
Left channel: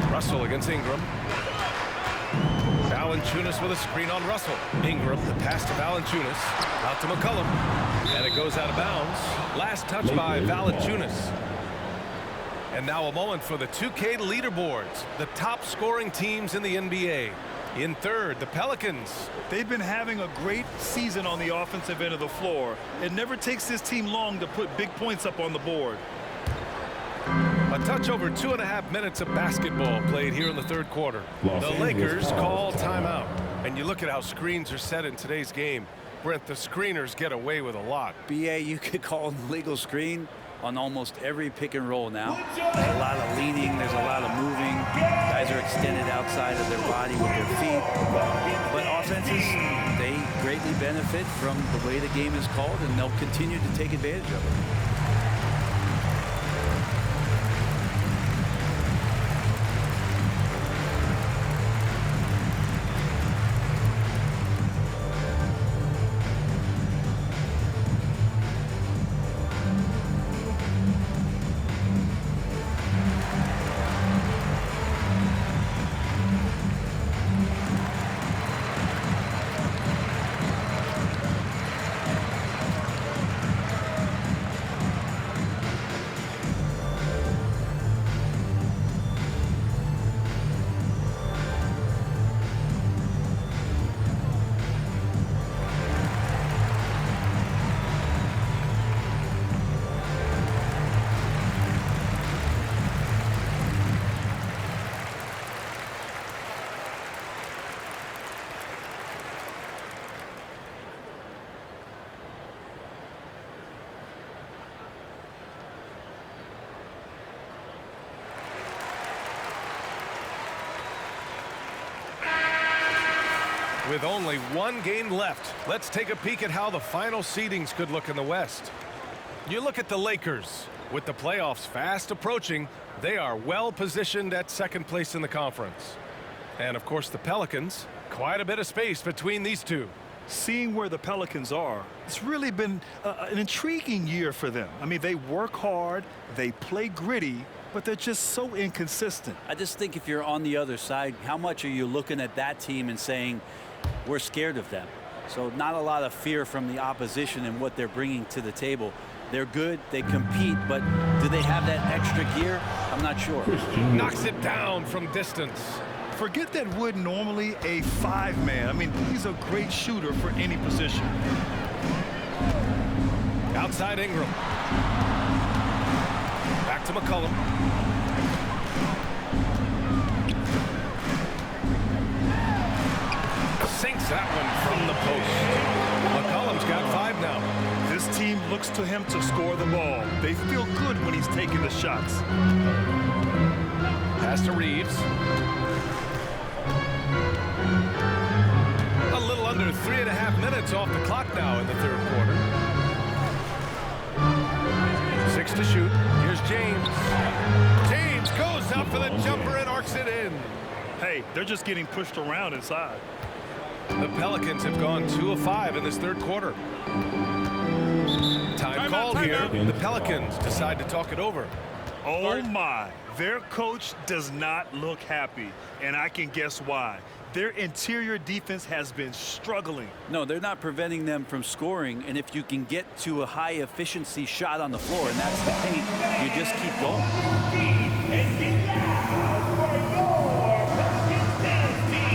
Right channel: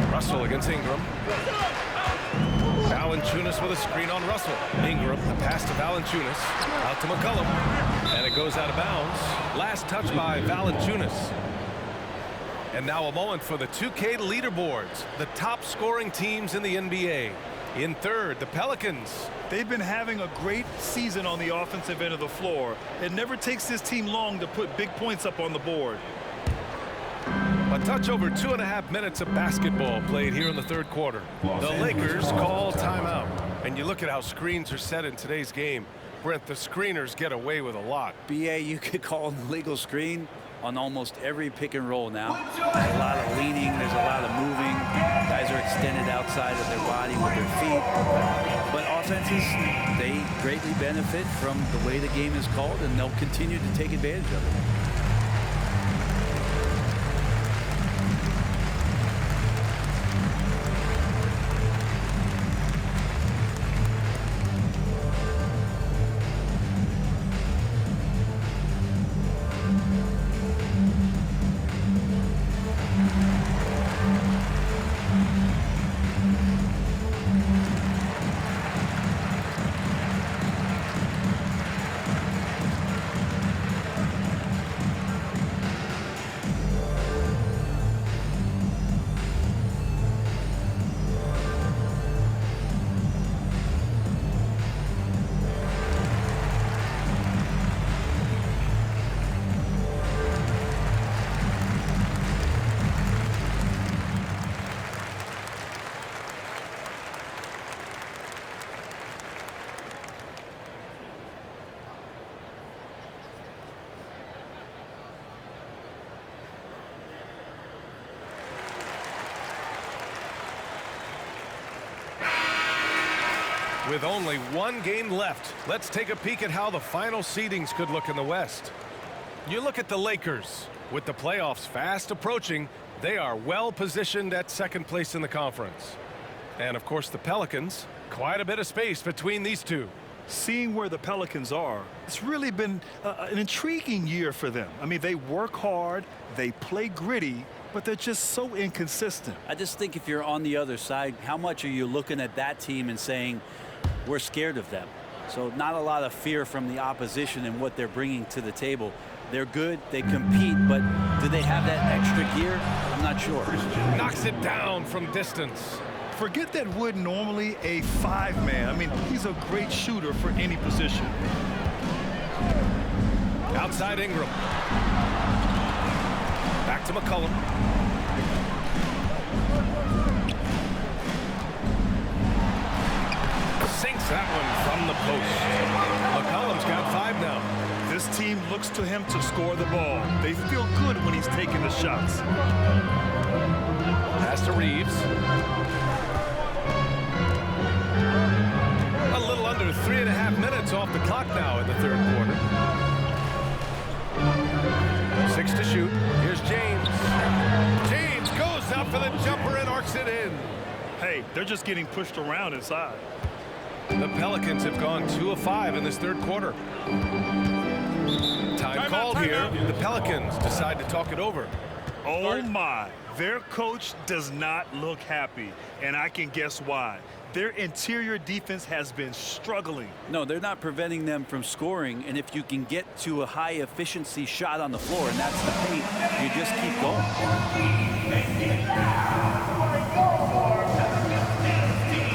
4. Russell against Ingram. Valanciunas with a screen on Russell. Ingram, the pass to Valanciunas. Out to McCollum. And it goes out of bounds. Last touch by Valanciunas. And now a moment for the 2K leaderboards. The top scoring teams in the NBA. In third, the Pelicans. They've been having a great season on the offensive end of the floor. It never takes this team long to put big points up on the board. A touch over 2.5 minutes of basketball played here in the third quarter. The Lakers call timeout. And you look at how screens are set in today's game. Brent, the screeners get away with a lot. BA, you could call an illegal screen on almost every pick and roll now. There's a lot of leaning, there's a lot of moving. Guys are extended outside of their body with their feet. But offenses, they greatly benefit from the way the game is called, and they'll continue to take advantage of it. With only 1 game left, let's take a peek at how the final seedings could look in the West. You look at the Lakers. With the playoffs fast approaching, they are well positioned at second place in the conference. And of course the Pelicans, quite a bit of space between these two. Seeing where the Pelicans are, it's really been an intriguing year for them. I mean, they work hard, they play gritty, but they're just so inconsistent. I just think if you're on the other side, how much are you looking at that team and saying, we're scared of them? So not a lot of fear from the opposition and what they're bringing to the table. They're good, they compete, but do they have that extra gear? I'm not sure. Knocks it down from distance. Forget that Wood normally a 5-man. I mean, he's a great shooter for any position. Outside Ingram. Back to McCollum. Sinks that one from the post. McCollum's got 5 now. This team looks to him to score the ball. They feel good when he's taking the shots. Pass to Reeves. A little under 3.5 minutes off the clock now in the third quarter. 6 to shoot. Here's James. James goes up for the jumper and arcs it in. Hey, they're just getting pushed around inside. The Pelicans have gone 2 of 5 in this third quarter. Time called here. The Pelicans decide to talk it over. Oh my, their coach does not look happy, and I can guess why. Their interior defense has been struggling. No, they're not preventing them from scoring, and if you can get to a high efficiency shot on the floor, and that's the paint, you just keep going. And get loud for your Pelicans dance team.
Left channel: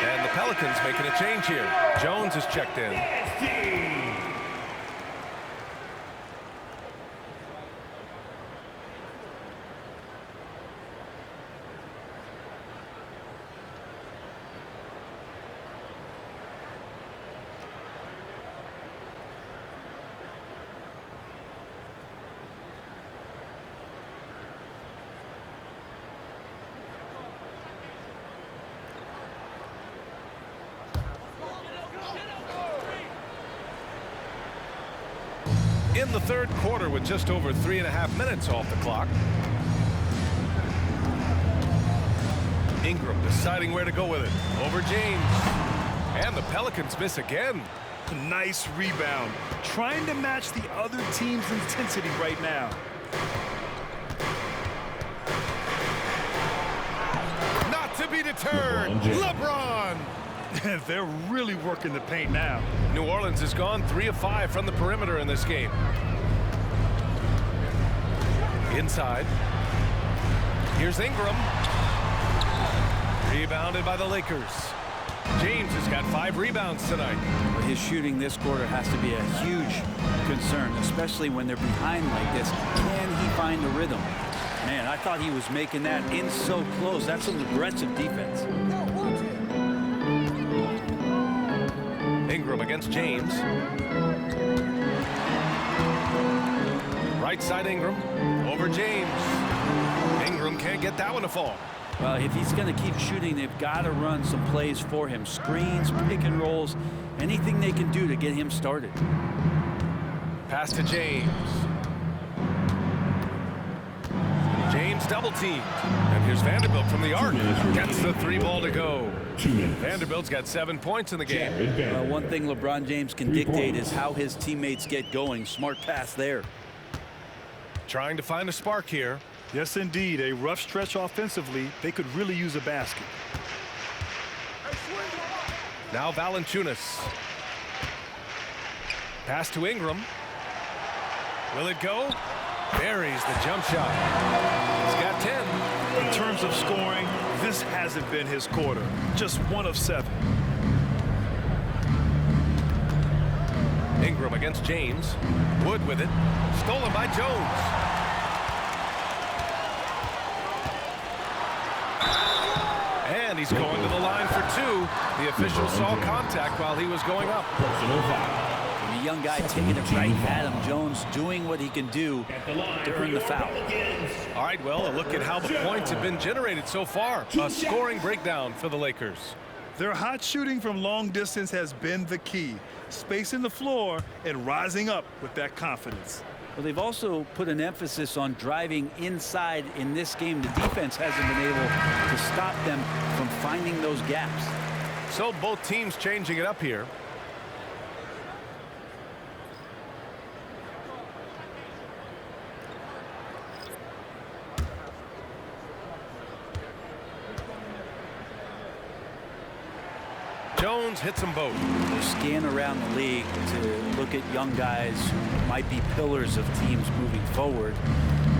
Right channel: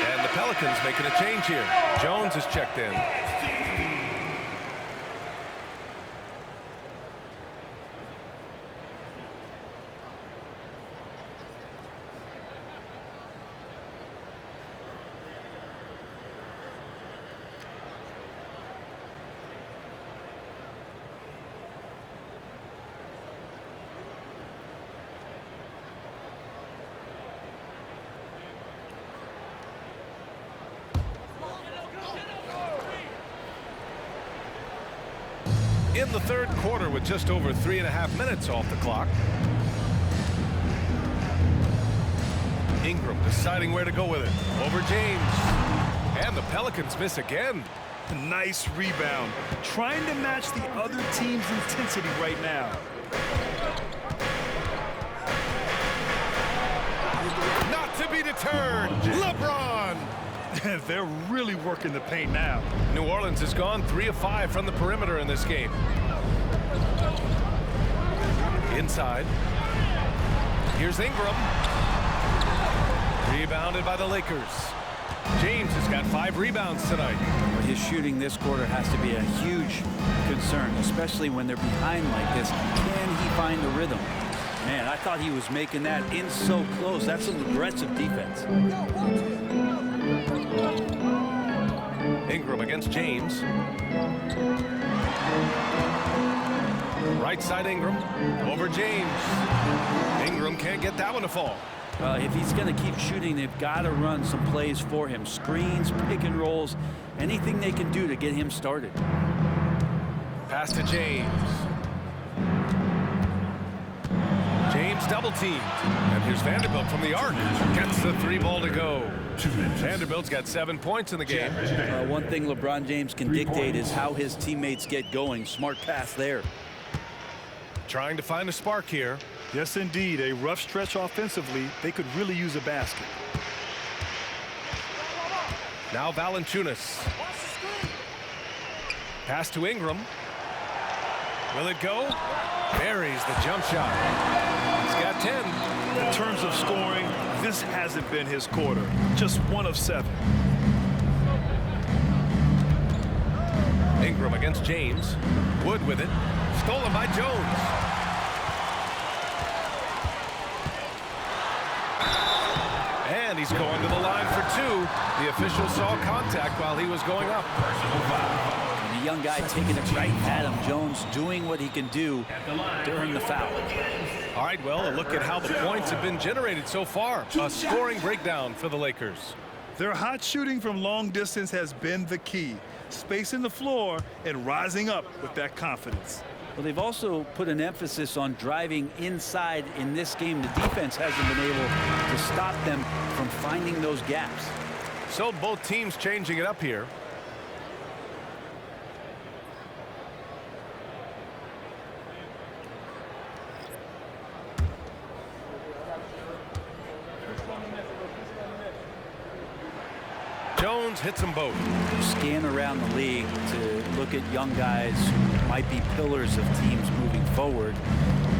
And the Pelicans making a change here. Jones is checked in. In the third quarter with just over 3.5 minutes off the clock. Ingram deciding where to go with it. Over James. And the Pelicans miss again. Nice rebound. Trying to match the other team's intensity right now. Not to be deterred. LeBron. They're really working the paint now. New Orleans has gone 3 of 5 from the perimeter in this game. Inside. Here's Ingram. Rebounded by the Lakers. James has got 5 rebounds tonight. But his shooting this quarter has to be a huge concern, especially when they're behind like this. Can he find the rhythm? Man, I thought he was making that in so close. That's some aggressive defense. Ingram against James. Right side Ingram. Over James. Ingram can't get that one to fall. Well, if he's going to keep shooting, they've got to run some plays for him. Screens, pick and rolls, anything they can do to get him started. Pass to James. James double teamed. And here's Vanderbilt from the arc. Gets the 3 ball to go. Vanderbilt's got 7 points in the game. One thing LeBron James can dictate is how his teammates get going. Smart pass there. Trying to find a spark here. Yes, indeed. A rough stretch offensively. They could really use a basket. Now Valanciunas. Pass to Ingram. Will it go? Buries the jump shot. He's got 10. In terms of scoring, this hasn't been his quarter. Just 1 of 7. Ingram against James. Wood with it. Stolen by Jones. And he's going to the line for 2. The official saw contact while he was going up. Personal foul. And the young guy taking it right at him. Jones doing what he can do to earn the foul. All right, well, a look at how the points have been generated so far. A scoring breakdown for the Lakers. Their hot shooting from long distance has been the key. Spacing the floor and rising up with that confidence. Well, they've also put an emphasis on driving inside in this game. The defense hasn't been able to stop them from finding those gaps. So both teams changing it up here. Jones hits them both. You scan around the league to look at young guys who might be pillars of teams moving forward.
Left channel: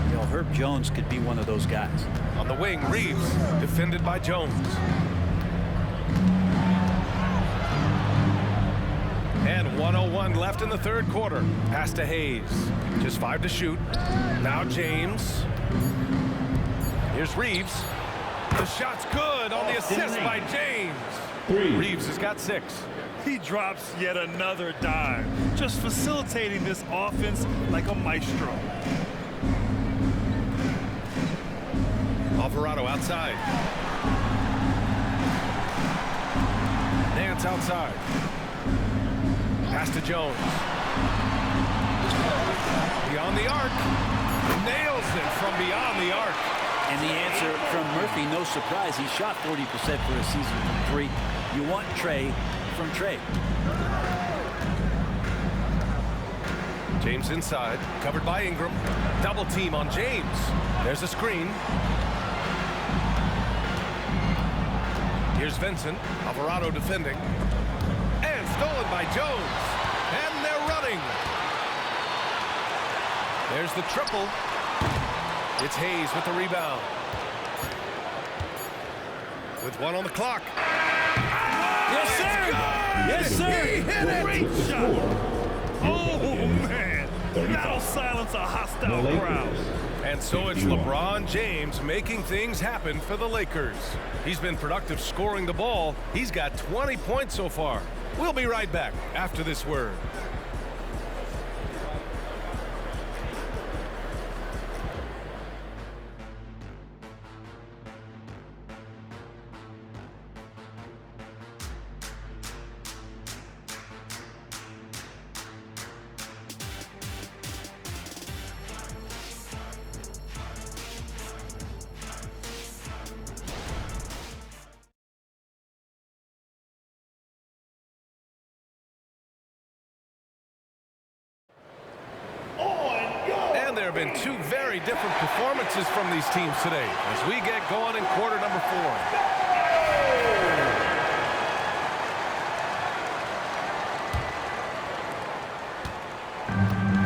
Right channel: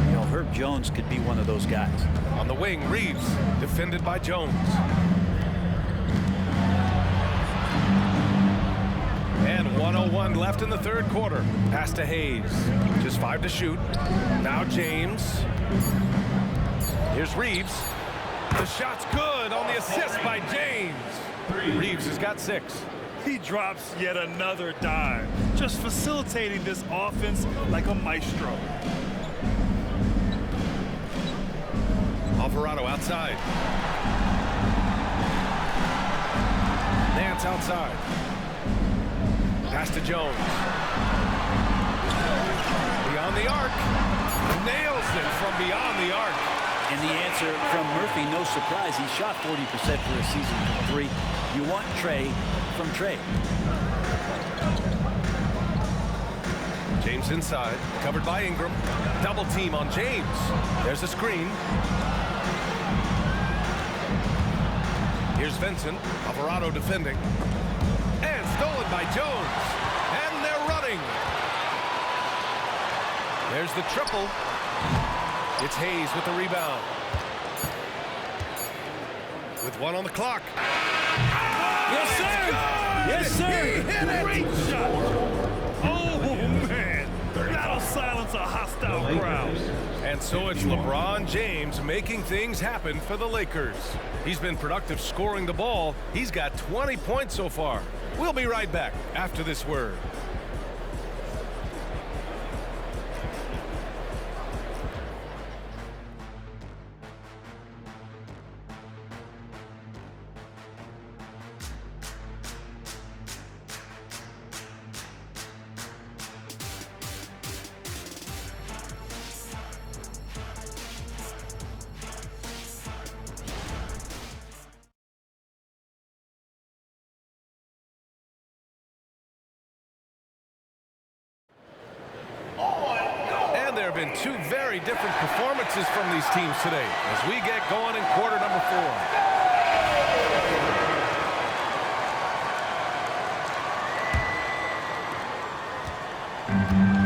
You know, Herb Jones could be one of those guys. On the wing, Reeves, defended by Jones. And 1:01 left in the third quarter. Pass to Hayes. Just 5 to shoot. Now James. Here's Reeves. The shot's good on the assist by James. Reeves has got 6. He drops yet another dime, just facilitating this offense like a maestro. Alvarado outside. Nance outside. Pass to Jones. Beyond the arc. Nails it from beyond the arc. And the answer from Murphy, no surprise. He shot 40% for a season from 3. You want Trey from Trey. James inside, covered by Ingram. Double team on James. There's a screen. Here's Vincent. Alvarado defending. And stolen by Jones. And they're running. There's the triple. It's Hayes with the rebound. With 1 on the clock. Yes, sir. Yes, sir. He hit it. Great shot. Oh, man. That'll silence a hostile crowd. And so it's LeBron James making things happen for the Lakers. He's been productive scoring the ball. He's got 20 points so far. We'll be right back after this word. And there have been 2 very different performances from these teams today as we get going in quarter number 4.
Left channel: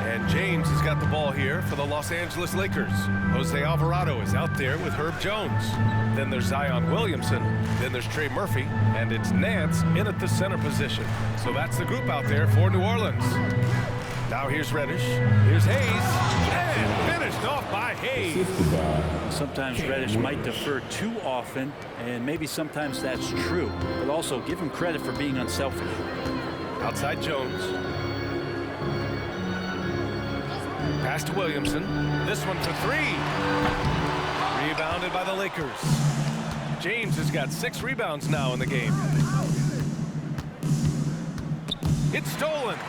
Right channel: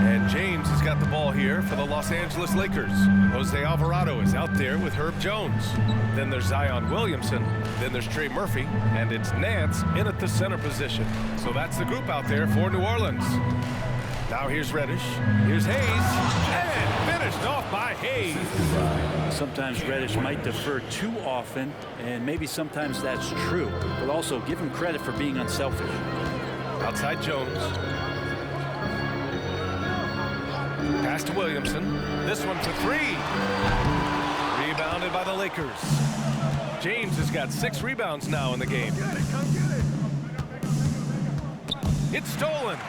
And James has got the ball here for the Los Angeles Lakers. Jose Alvarado is out there with Herb Jones. Then there's Zion Williamson. Then there's Trey Murphy. And it's Nance in at the center position. So that's the group out there for New Orleans. Now here's Reddish. Here's Hayes. And finished off by Hayes. Sometimes Reddish might defer too often, and maybe sometimes that's true. But also give him credit for being unselfish. Outside Jones. Pass to Williamson. This one for 3. Rebounded by the Lakers. James has got 6 rebounds now in the game. It's stolen.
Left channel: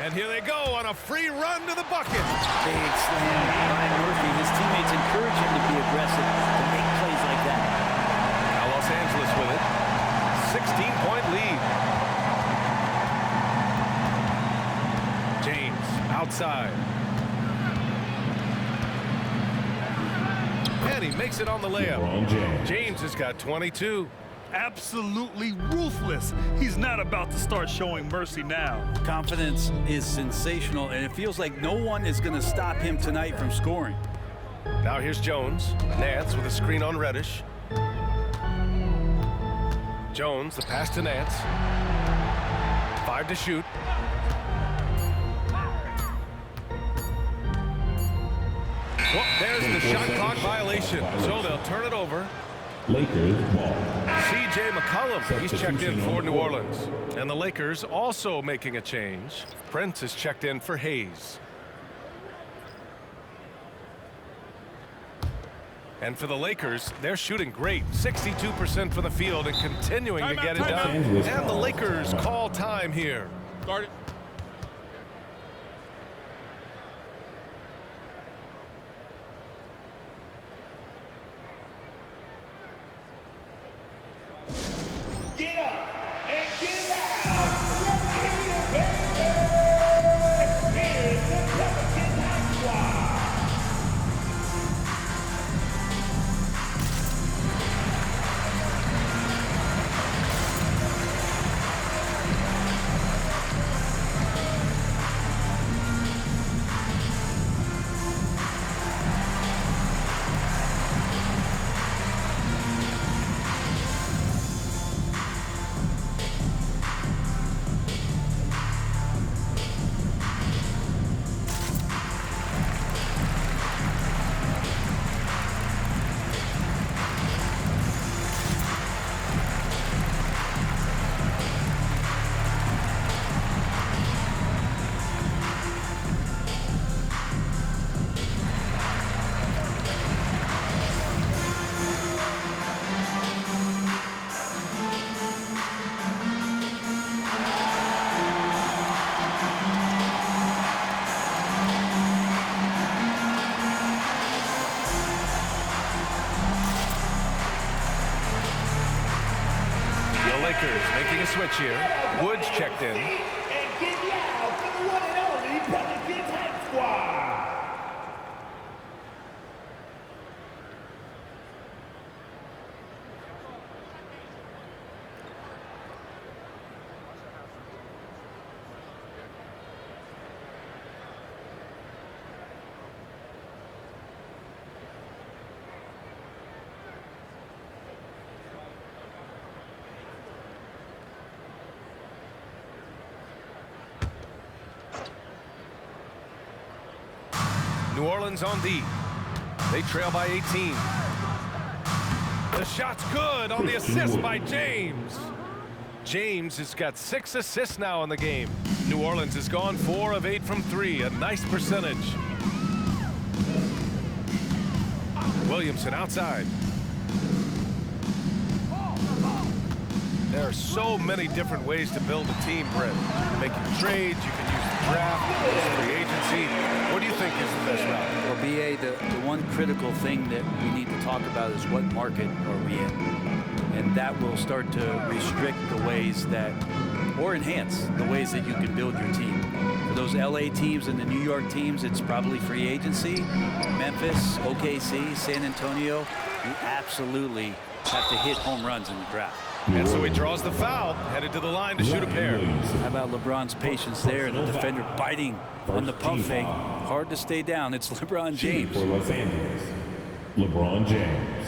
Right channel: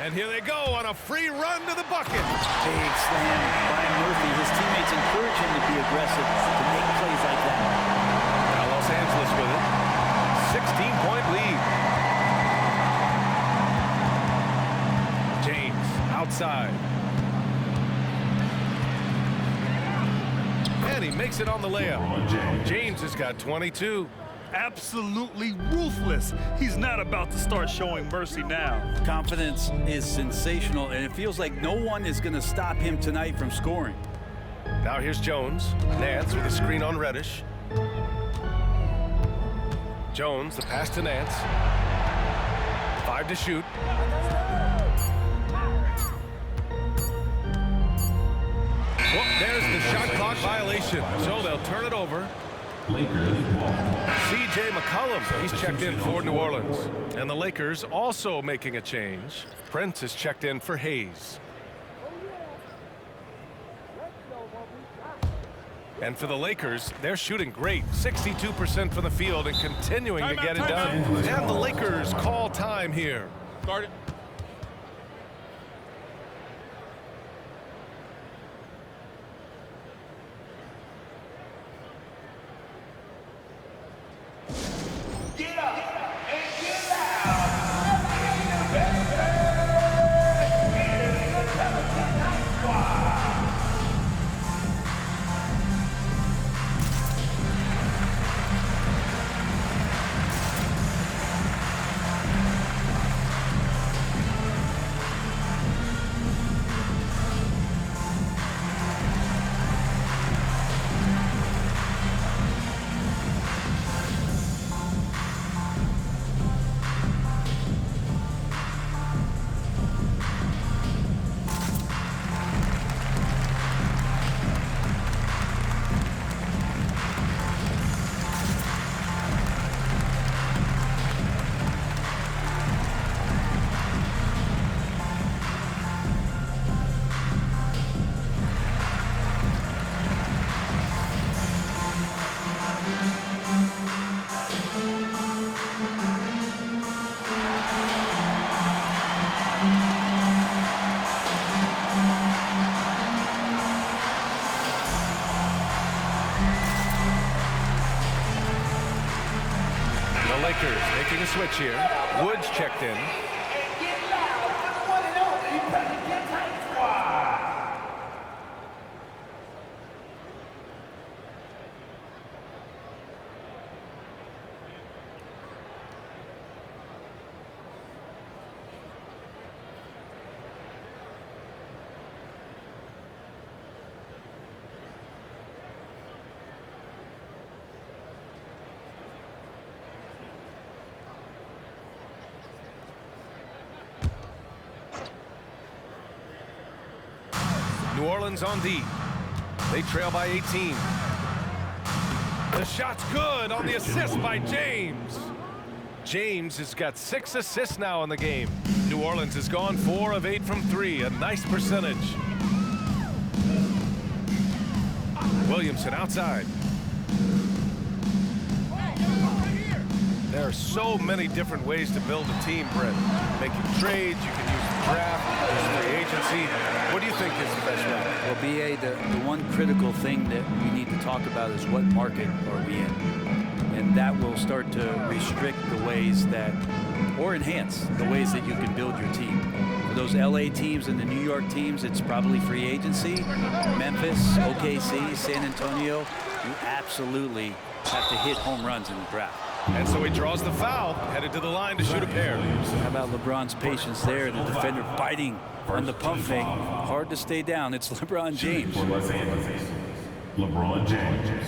And here they go on a free run to the bucket. Big slam by Murphy. His teammates encourage him to be aggressive, to make plays like that. Now Los Angeles with it. 16-point lead. James outside. And he makes it on the layup. James has got 22. Absolutely ruthless. He's not about to start showing mercy now. Confidence is sensational, and it feels like no one is going to stop him tonight from scoring. Now here's Jones. Nance with a screen on Reddish. Jones, the pass to Nance. 5 to shoot. Well, there's the shot clock violation, so they'll turn it over. Lakers ball. C.J. McCollum, he's checked in for New Orleans. And the Lakers also making a change. Prince is checked in for Hayes. And for the Lakers, they're shooting great. 62% from the field and continuing to get it done. And the Lakers call time here. Guard it. Lakers making a switch here. Woods checked in. And get loud for the one and only Pelicans Hype Squad. New Orleans on D. They trail by 18. The shot's good on the assist by James. James has got 6 assists now in the game. New Orleans has gone 4 of 8 from 3, a nice percentage. Williamson outside. There are so many different ways to build a team, Brett. Making trades, you can use the draft, there's free agency. What do you think is the best route? Well, BA, the one critical thing that we need to talk about is what market are we in? And that will start to restrict the ways that, or enhance the ways that you can build your team. For those LA teams and the New York teams, it's probably free agency. Memphis, OKC, San Antonio, you absolutely have to hit home runs in the draft. And so he draws the foul, headed to the line to shoot a pair. How about LeBron's patience there? The defender biting on the pump fake. Hard to stay down. It's LeBron James. For Los Angeles, LeBron James.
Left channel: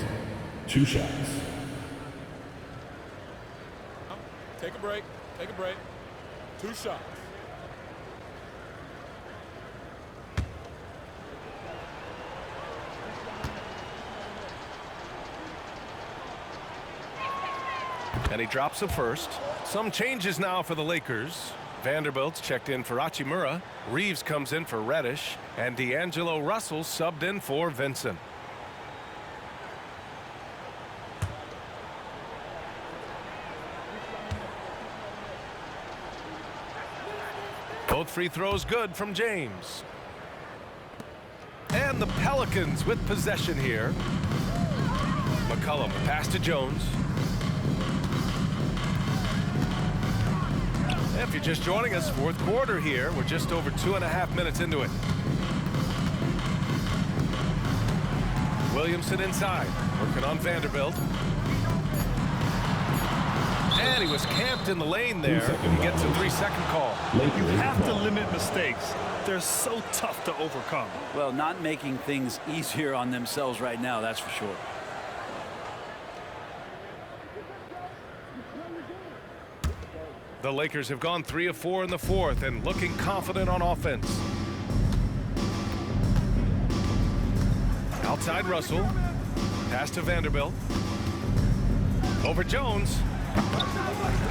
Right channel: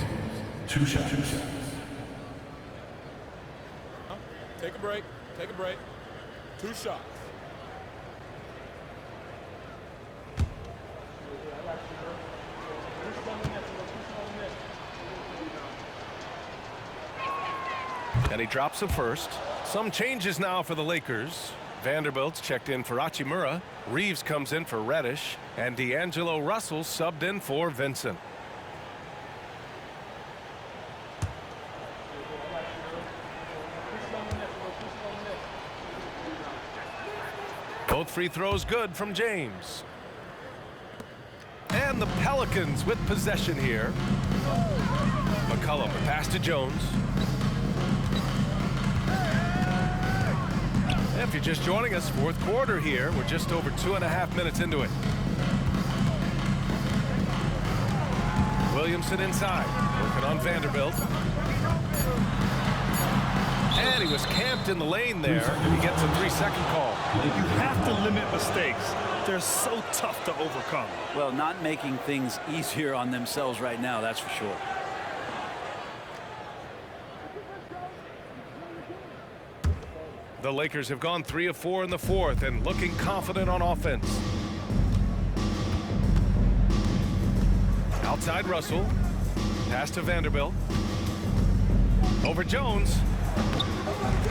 2 shots. Take a break. Take a break. 2 shots. And he drops a first. Some changes now for the Lakers. Vanderbilt's checked in for Hachimura. Reeves comes in for Reddish. And D'Angelo Russell subbed in for Vincent. Both free throws good from James. And the Pelicans with possession here. McCollum, the pass to Jones. If you're just joining us, 4th quarter here. We're just over 2.5 minutes into it. Williamson inside, working on Vanderbilt. And he was camped in the lane there. He gets a 3-second call. You have to limit mistakes. They're so tough to overcome. Well, not making things easier on themselves right now, that's for sure. The Lakers have gone 3 of 4 in the 4th and looking confident on offense. Outside Russell. Pass to Vanderbilt. Over Jones.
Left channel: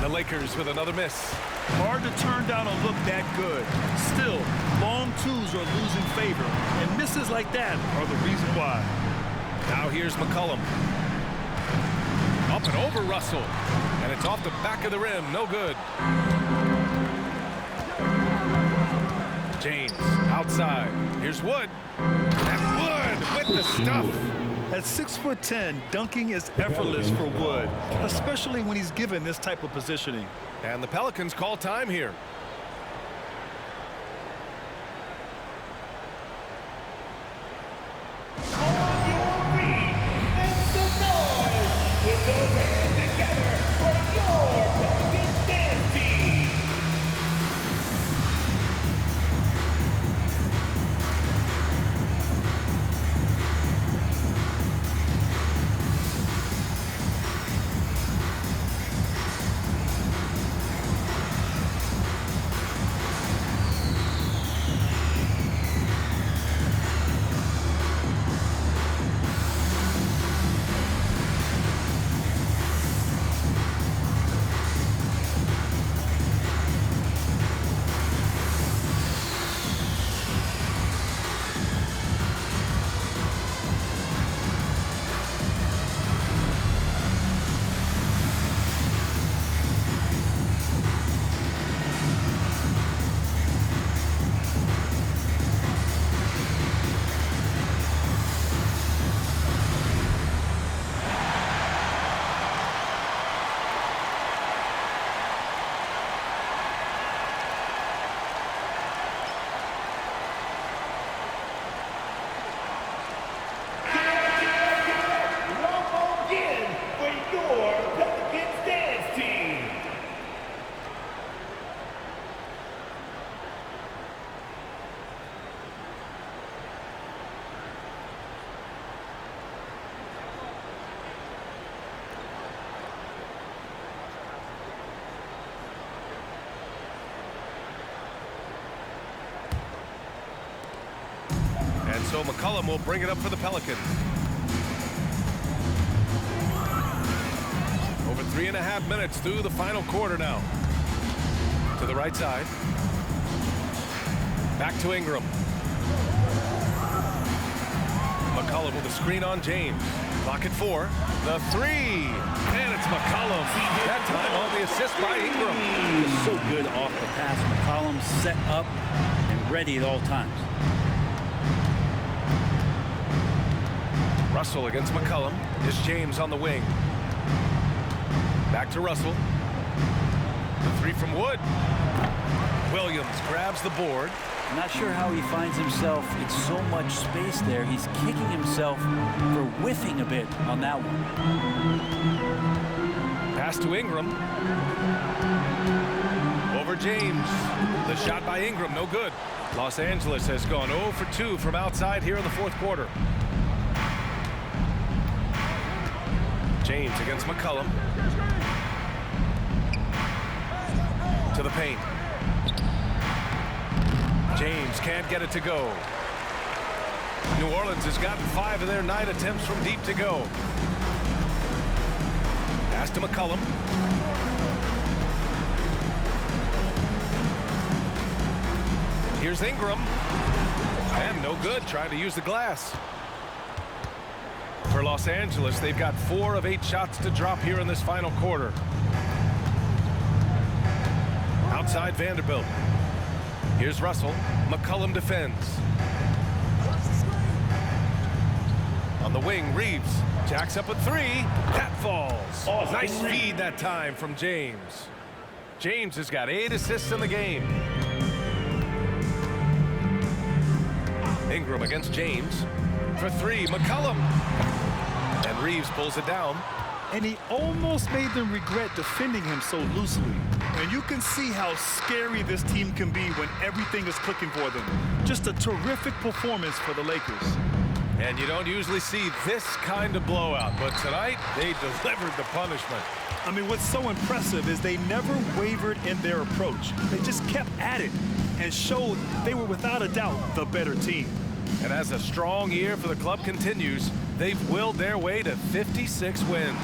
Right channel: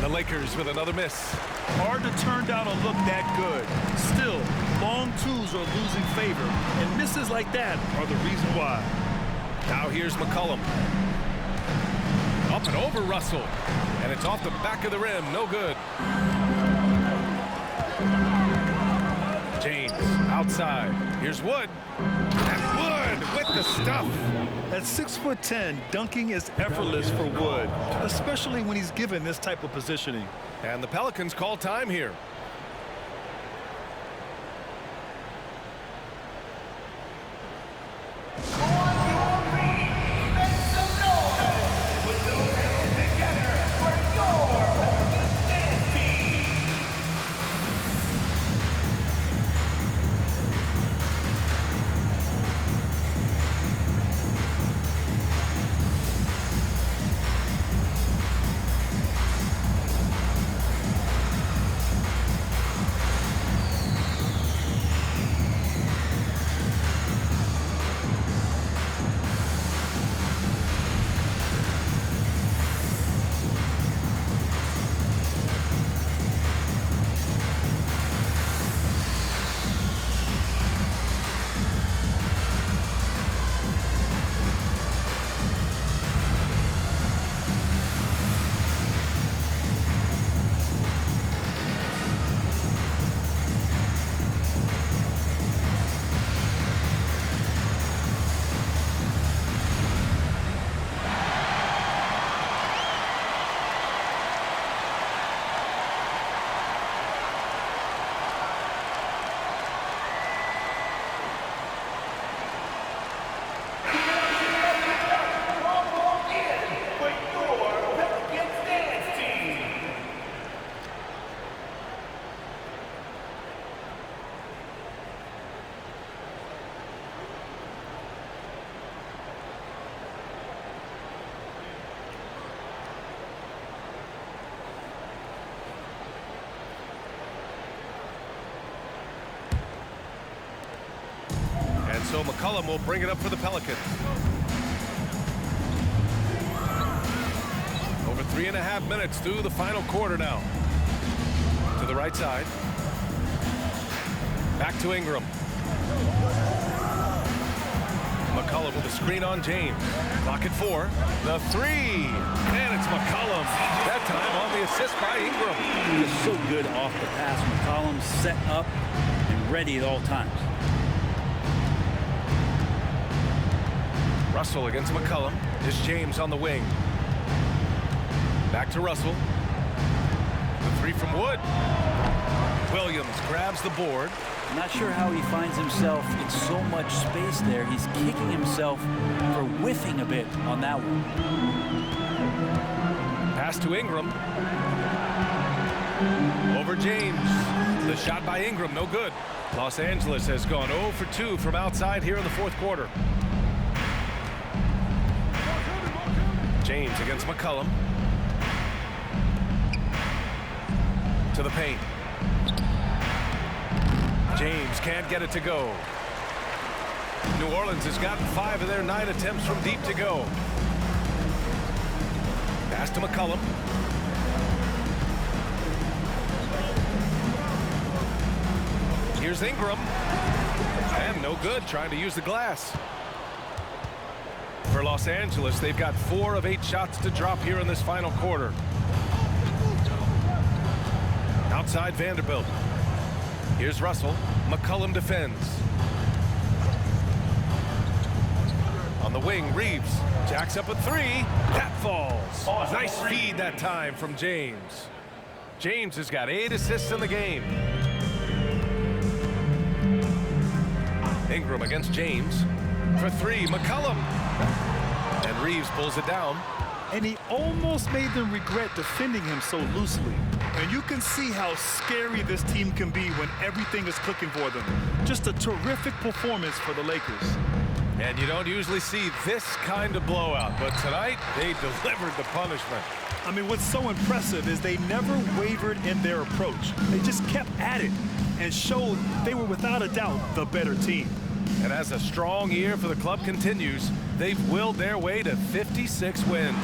The Lakers with another miss. Hard to turn down a look that good. Still, long twos are losing favor, and misses like that are the reason why. Now here's McCollum. Up and over Russell. And it's off the back of the rim. No good. James outside. Here's Wood. And Wood with the stuff. At 6'10", dunking is effortless for Wood, especially when he's given this type of positioning. And the Pelicans call time here. On your feet, make some noise. Put those hands together for your Pelicans dance team. So McCollum will bring it up for the Pelicans. Over 3.5 minutes through the final quarter now. To the right side. Back to Ingram. McCollum with a screen on James. Clock at 4. The 3. And it's McCollum. That time on the assist by Ingram. He is so good off the pass. McCollum set up and ready at all times. Russell against McCollum. Is James on the wing. Back to Russell. The 3 from Wood. Williams grabs the board. Not sure how he finds himself. It's so much space there. He's kicking himself for whiffing a bit on that one. Pass to Ingram. Over James. The shot by Ingram, no good. Los Angeles has gone 0 for 2 from outside here in the fourth quarter. James against McCollum. To the paint. James can't get it to go. New Orleans has gotten 5 of their 9 attempts from deep to go. Pass to McCollum. Here's Ingram. And no good, trying to use the glass. For Los Angeles, they've got 4 of 8 shots to drop here in this final quarter. Outside Vanderbilt. Here's Russell. McCollum defends. On the wing, Reeves jacks up a 3. That falls. Nice feed that time from James. James has got 8 assists in the game. Ingram against James. For 3, McCollum. And Reeves pulls it down. And he almost made them regret defending him so loosely. And you can see how scary this team can be when everything is clicking for them. Just a terrific performance for the Lakers. And you don't usually see this kind of blowout, but tonight they delivered the punishment. I mean, what's so impressive is they never wavered in their approach. They just kept at it and showed they were without a doubt the better team. And as a strong year for the club continues, they've willed their way to 56 wins.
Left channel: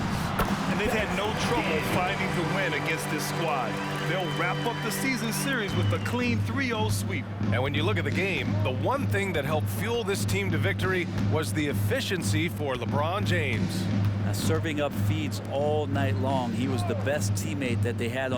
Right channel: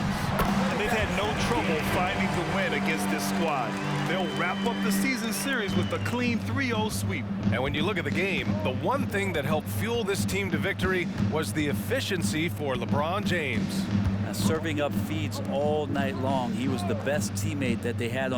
And they've had no trouble finding the win against this squad. They'll wrap up the season series with a clean 3-0 sweep. And when you look at the game, the one thing that helped fuel this team to victory was the efficiency for LeBron James. Serving up feeds all night long. He was the best teammate that they had on